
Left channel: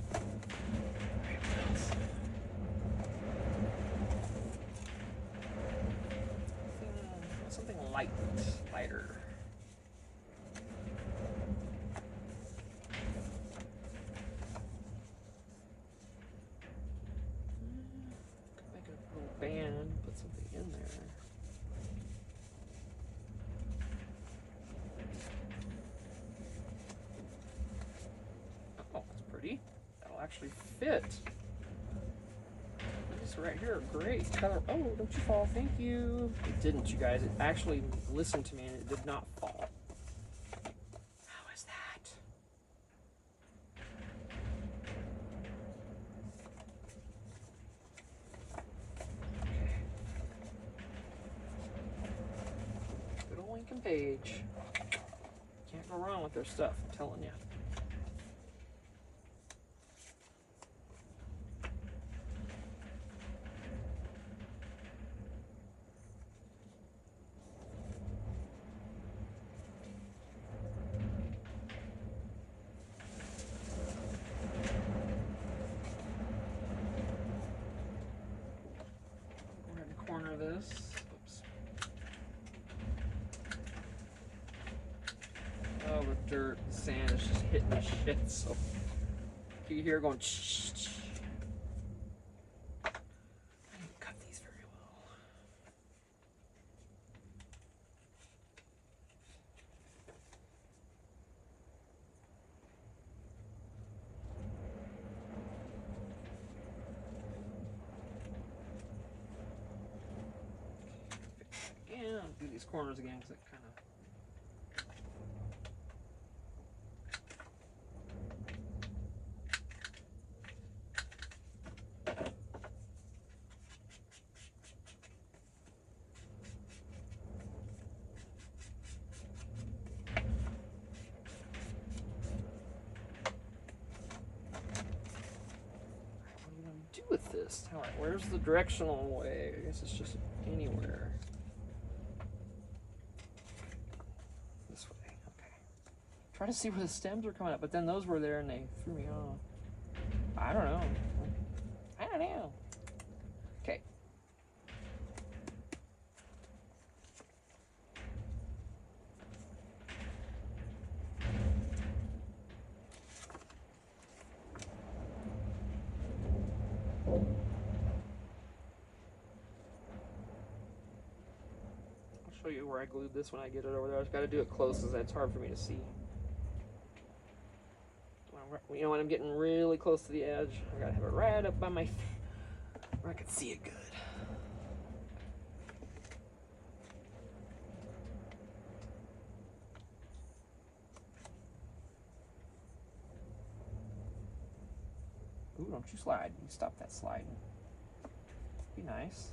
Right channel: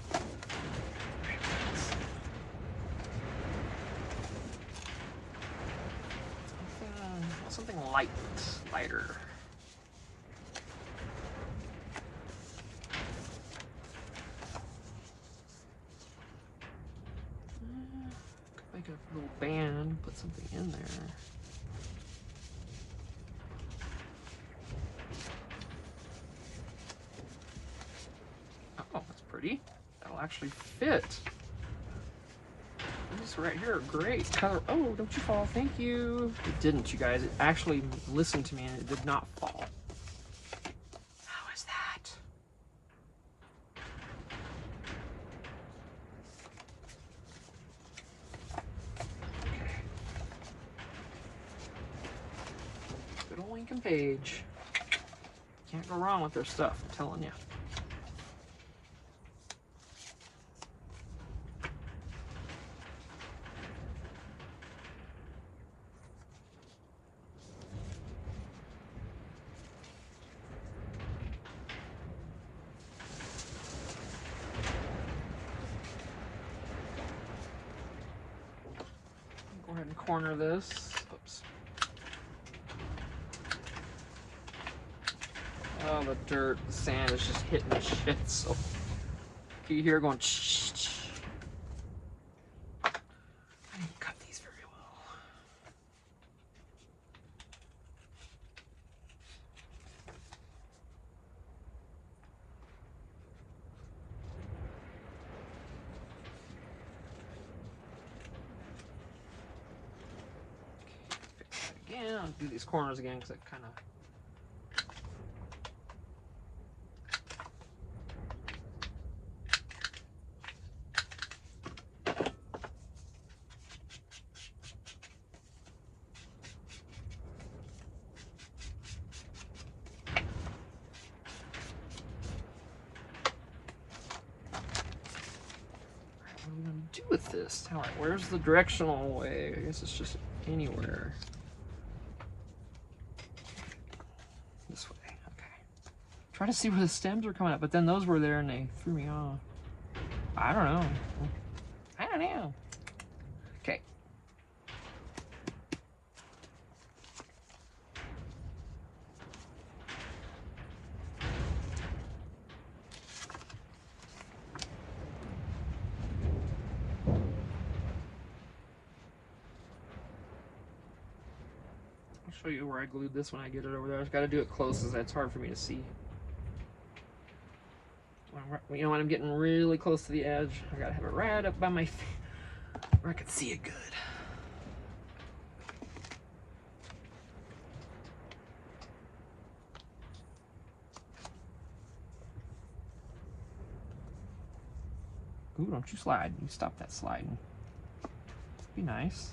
Something lighter. Could make a little band, put something in there. Oh, that's pretty. That'll actually fit. These right here are great. Color. Oh, don't you fall. Thank you. It didn't, you guys. It actually listened to me and it did not fall. How is that? Okay. Good old Ink and Page. Can't go wrong with their stuff, I'm telling you. Go ahead and corner this. Oops. Oh, the dirt, the sand is just hitting the shit. So you hear going shh, shh. I didn't cut these very well. Okay, again, I'll do these corners again because I kind of. Do with this? All right, where's the directional way? I guess it's just anywhere. This way, okay. Try to see where the stems are coming up, but then those were there and they threw me off. I don't know. I don't know. Okay. I'll show you where I glued this when I get it over there. I just got to do it close, as it's hard for me to see. You know when I'm getting really close to the edge, I gotta have it right up by my feet where I can see it good. Ooh, don't you slide. You stop that sliding. Be nice.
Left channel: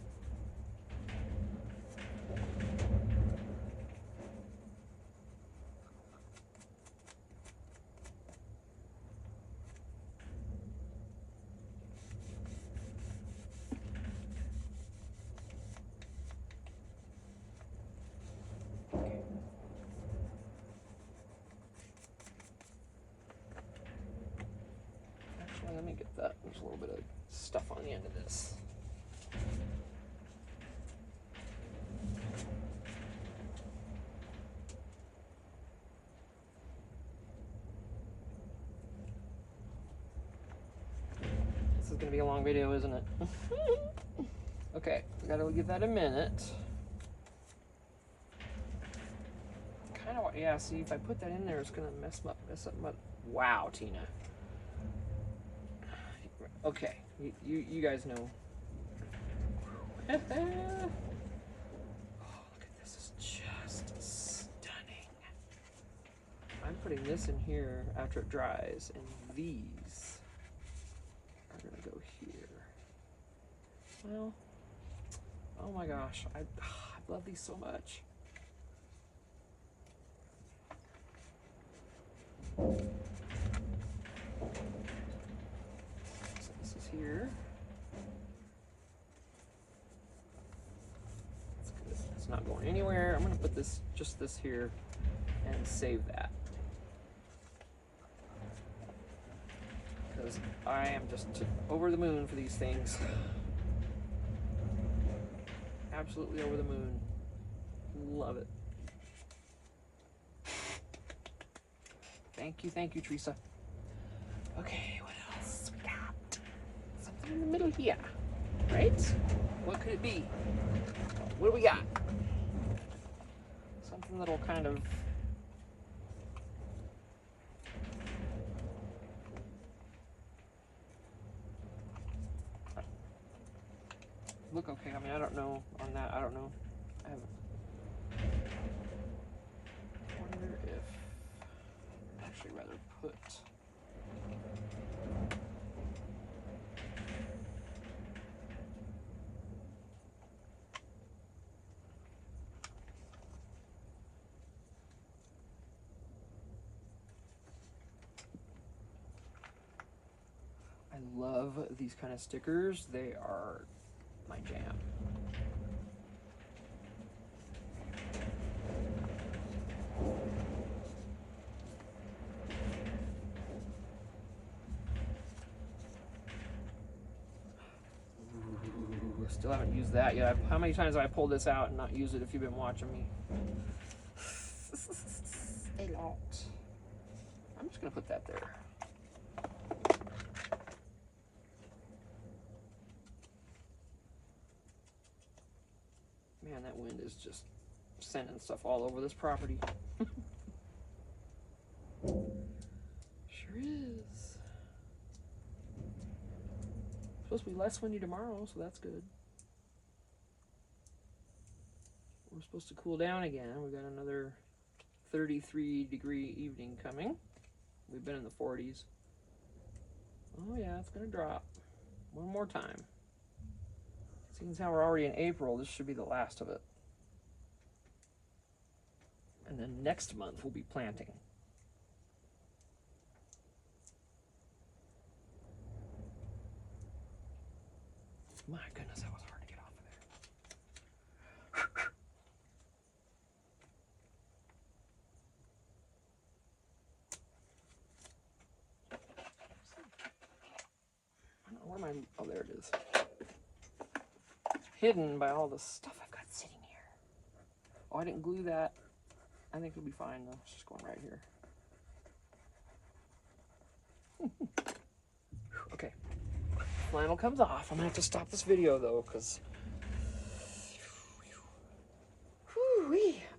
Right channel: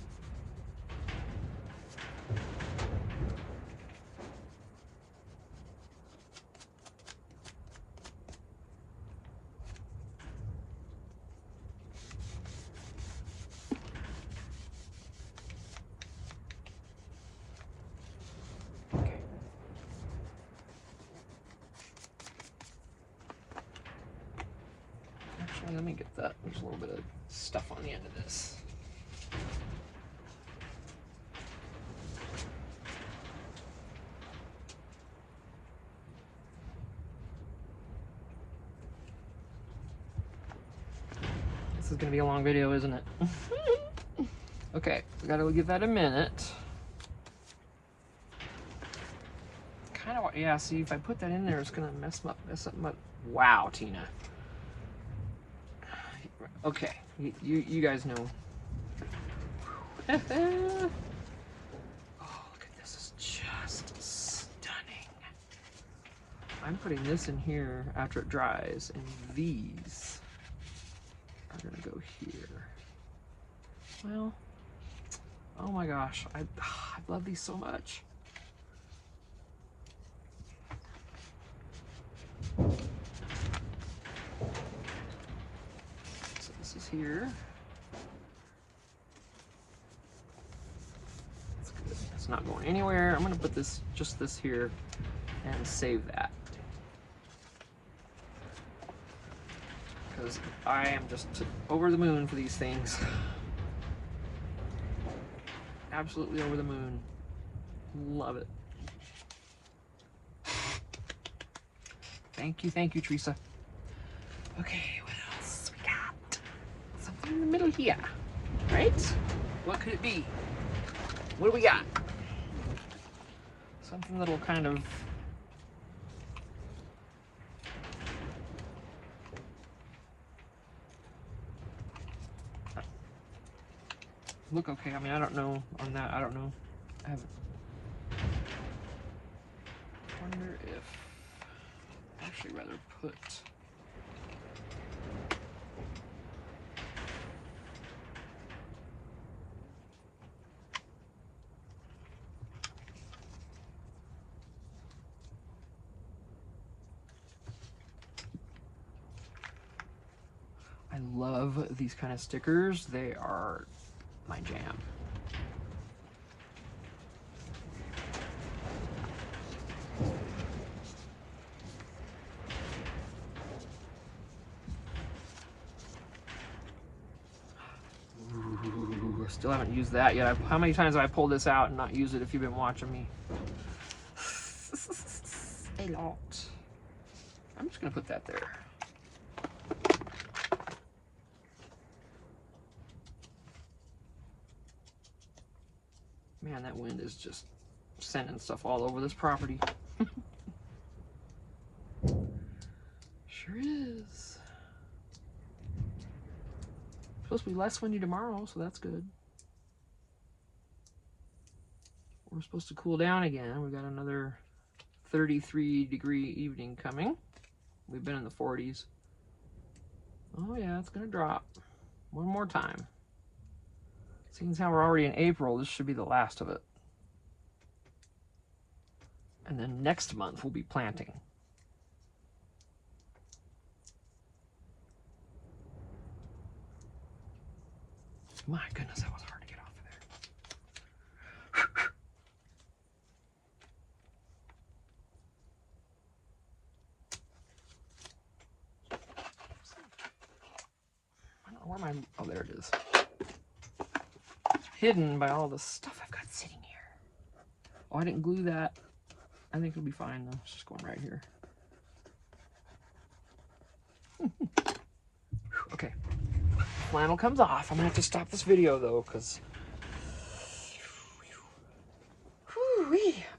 Okay. Actually, let me get that. There's a little bit of stuff on the end of this. This is gonna be a long video, isn't it? Okay, we gotta give that a minute. Kind of, yeah. See, if I put that in there, it's gonna mess up my. Wow, Tina. Okay, you guys know. Oh, look at this! It's just stunning. I'm putting this in here after it dries, and these are gonna go here. Well, oh my gosh, I love these so much. So this is here. That's good. It's not going anywhere. I'm gonna put this, just this here, and save that. Because I am just over the moon for these things. Absolutely over the moon. Love it. Thank you, Theresa. Okay, what else we got? Something in the middle here, right? What could it be? What do we got? Something that'll kind of look okay. I mean, I don't know on that. I don't know. I haven't. Wonder if I'd actually rather put. I love these kind of stickers. They are my jam. Ooh, still haven't used that yet. How many times have I pulled this out and not used it if you've been watching me? A lot. I'm just gonna put that there. Man, that wind is just sending stuff all over this property. Sure is. Supposed to be less windy tomorrow, so that's good. We're supposed to cool down again. We've got another 33-degree evening coming. We've been in the 40s. Oh yeah, it's gonna drop. One more time. Seeing as how we're already in April, this should be the last of it. And then next month we'll be planting. My goodness, that was hard to get off of there. I don't know where my, oh, there it is. Hidden by all the stuff I've got sitting here. Oh, I didn't glue that. I think it'll be fine though. It's just going right here. Okay. Flannel comes off. I'm gonna have to stop this video though, because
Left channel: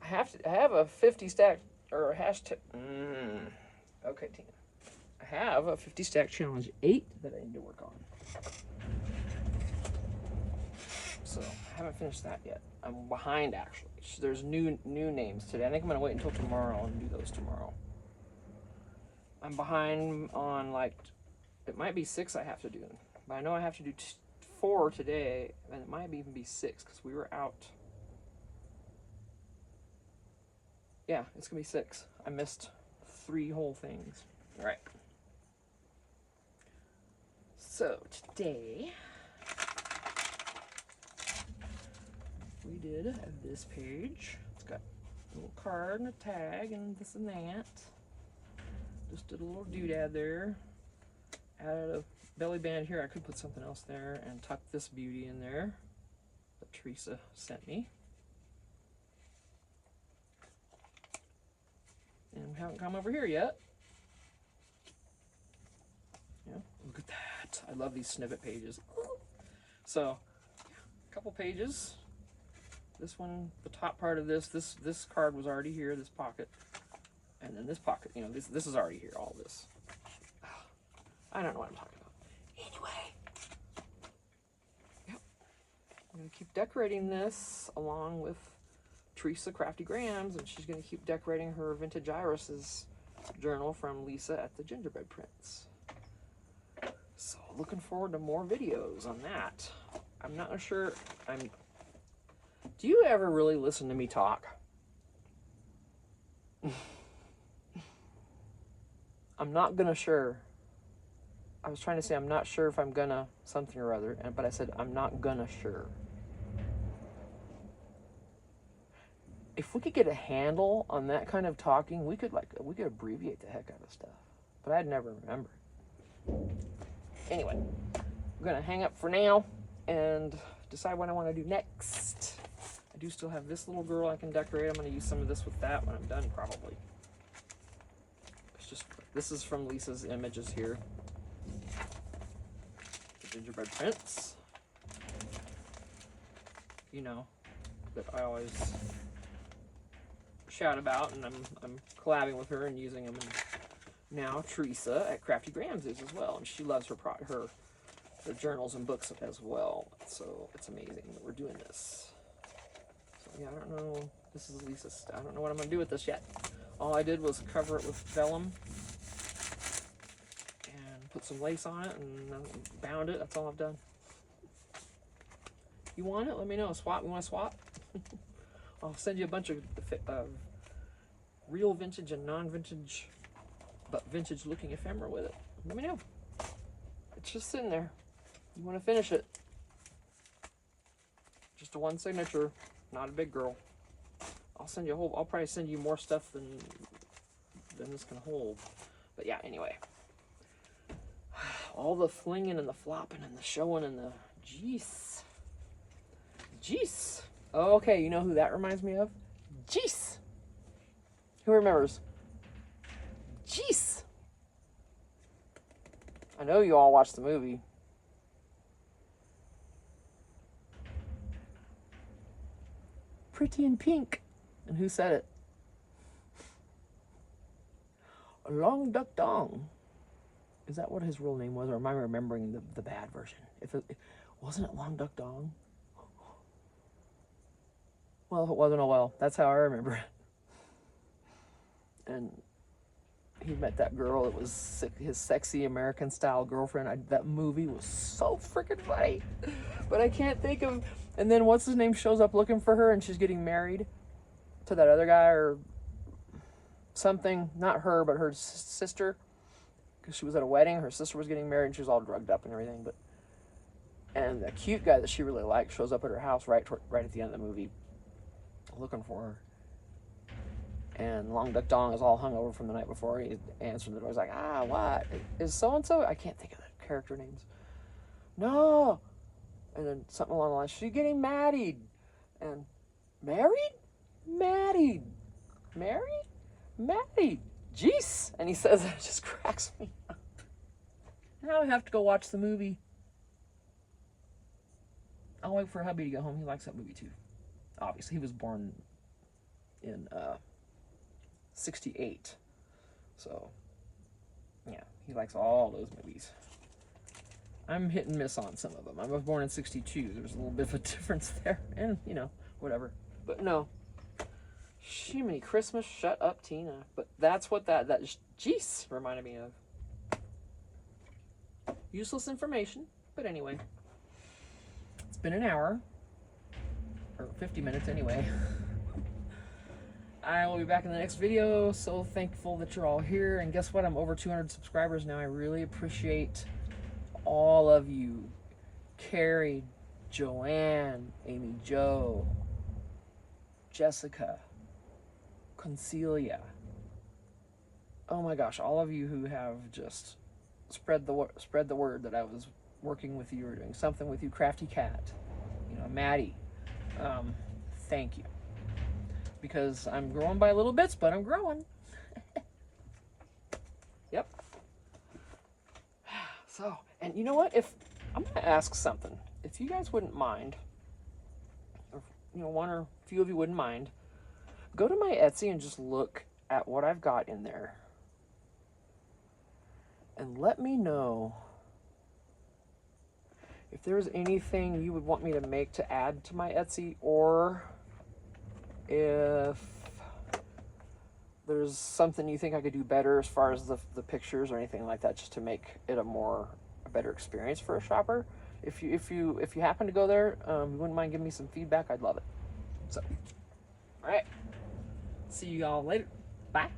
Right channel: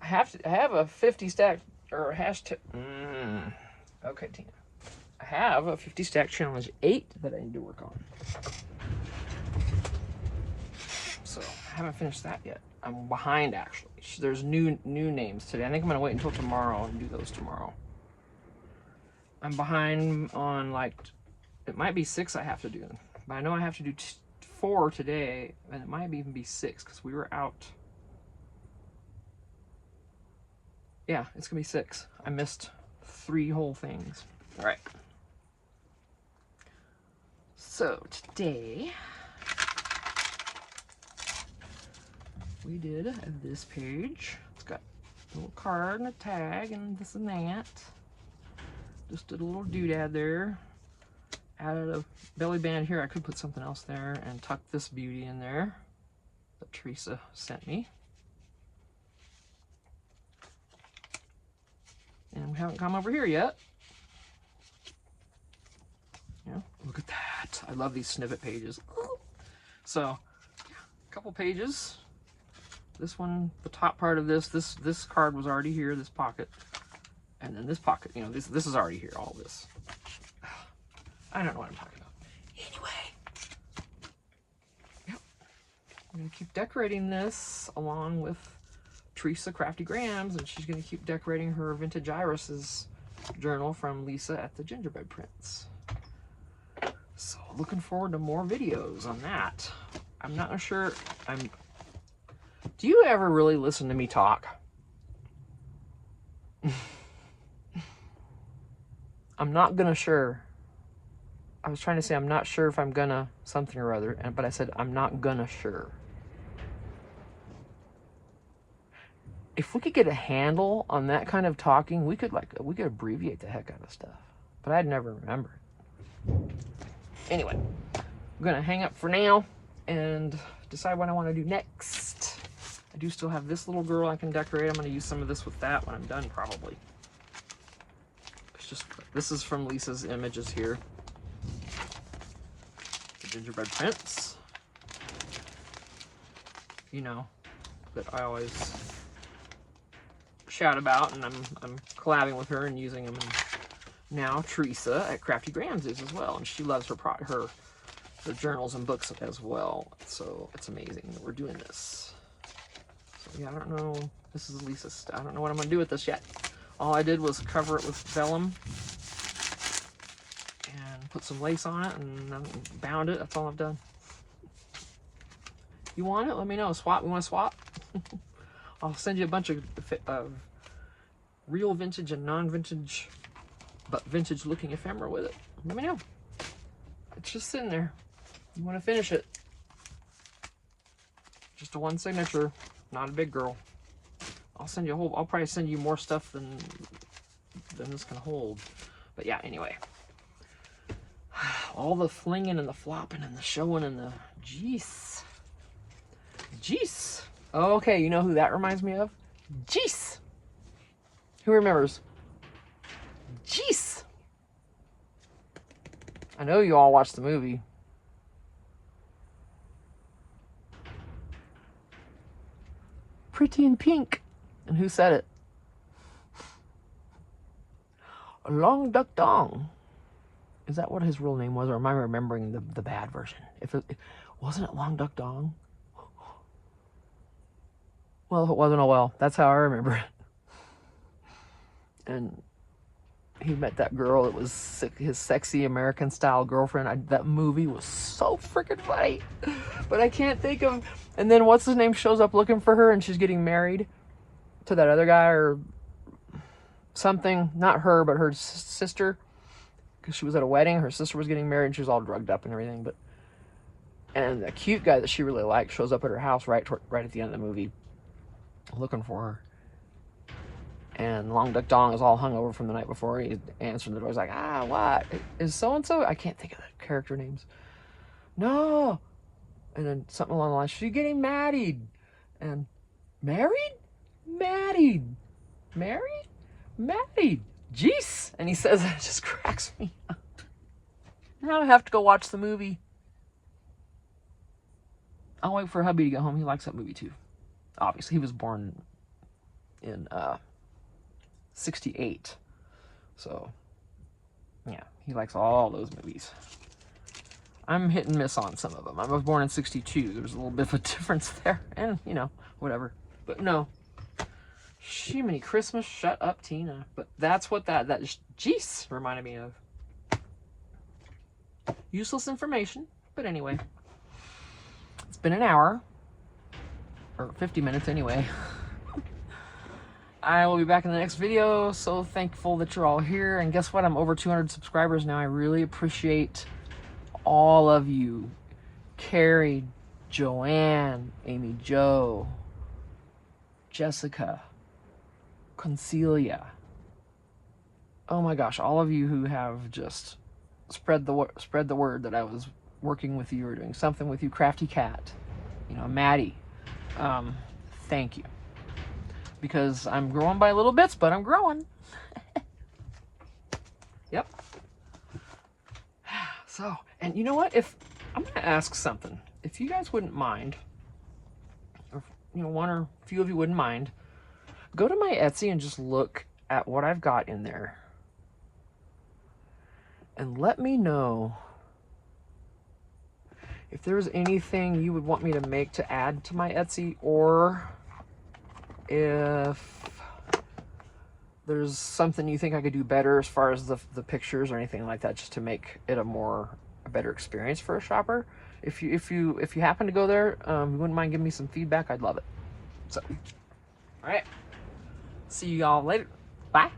I have a 50 stack or a hashtag. Okay, Tina. I have a 50 stack challenge 8 that I need to work on. So I haven't finished that yet. I'm behind actually. There's new names today. I think I'm gonna wait until tomorrow and do those tomorrow. I'm behind on like, it might be 6 I have to do, but I know I have to do 4 today, and it might even be 6 because we were out. Yeah, it's gonna be 6. I missed 3 whole things. All right. So today we did this page. It's got a little card and a tag and this and that. Just did a little doodad there. Added a belly band here. I could put something else there and tuck this beauty in there that Theresa sent me. And we haven't come over here yet. Yeah, look at that. I love these snippet pages. So, a couple pages. This one, the top part of this card was already here, this pocket. And then this pocket, you know, this is already here, all this. I don't know what I'm talking about. Anyway. Yep. I'm going to keep decorating this along with Theresa Crafty Grams, and she's going to keep decorating her Vintage Iris's journal from Lisa at the Gingerbread Prints. So looking forward to more videos on that. I'm not sure. Do you ever really listen to me talk? I'm not gonna sure. I was trying to say I'm not sure if I'm gonna something or other, but I said I'm not gonna sure. If we could get a handle on that kind of talking, we could abbreviate the heck out of stuff. But I'd never remember it. Anyway, I'm gonna hang up for now and decide what I want to do next. I do still have this little girl I can decorate. I'm gonna use some of this with that when I'm done, probably. It's just, this is from Lisa's images here. The Gingerbread Prints. You know, that I always shout about, and I'm collabing with her and using them. And now Theresa at Crafty Grams is as well, and she loves her journals and books as well. So it's amazing that we're doing this. So yeah, I don't know. This is Lisa's. I don't know what I'm gonna do with this yet. All I did was cover it with vellum and put some lace on it and bound it. That's all I've done. You want it? Let me know. Swap? You want to swap? I'll send you a bunch of real vintage and non-vintage, but vintage looking ephemera with it. Let me know. It's just sitting there. You want to finish it. Just a one signature, not a big girl. I'll send you a whole, I'll probably send you more stuff than this can hold. But yeah, anyway. All the flinging and the flopping and the showing and the jeez. Jeez. Oh, okay, you know who that reminds me of? Jeez. Who remembers? Jeez. I know you all watched the movie. Pretty in Pink. And who said it? Long Duck Dong. Is that what his real name was, or am I remembering the bad version? Wasn't it Long Duck Dong? Well, if it wasn't, oh well. That's how I remember it. And he met that girl that was his sexy American style girlfriend. That movie was so freaking funny. But I can't think of... And then what's his name shows up looking for her, and she's getting married to that other guy or something. Not her, but her sister. Because she was at a wedding. Her sister was getting married, and she was all drugged up and everything. And the cute guy that she really liked shows up at her house right at the end of the movie, looking for her. And Long Duck Dong is all hungover from the night before. He answered the door. He's like, what? Is so-and-so? I can't think of the character names. No. And then something along the line, she's getting married. And married? Married. Married? Married. Jeez. And he says, it just cracks me up. Now I have to go watch the movie. I'll wait for hubby to get home. He likes that movie too. Obviously, he was born in 68. So, Yeah, he likes all those movies. I'm hit and miss on some of them. I was born in 62. There's a little bit of a difference there. And, you know, whatever. But no. Jiminy Christmas, shut up, Tina. But that's what that jeez reminded me of. Useless information. But anyway. It's been an hour. Or 50 minutes anyway. I will be back in the next video. So thankful that you're all here. And guess what? I'm over 200 subscribers now. I really appreciate all of you. Carrie, Joanne, Amy Jo, Jessica, Concelia. Oh my gosh, all of you who have just spread the word that I was working with you or doing something with you. Crafty Cat, you know, Maddie. Thank you. Because I'm growing by little bits, but I'm growing. Yep. So, and you know what? If I'm going to ask something, if you guys wouldn't mind, or you know, one or a few of you wouldn't mind, go to my Etsy and just look at what I've got in there, and let me know if there's anything you would want me to make to add to my Etsy, or if there's something you think I could do better as far as the pictures or anything like that, just to make it a better experience for a shopper. If you happen to go there, you wouldn't mind giving me some feedback, I'd love it. So, all right, see you all later. Bye.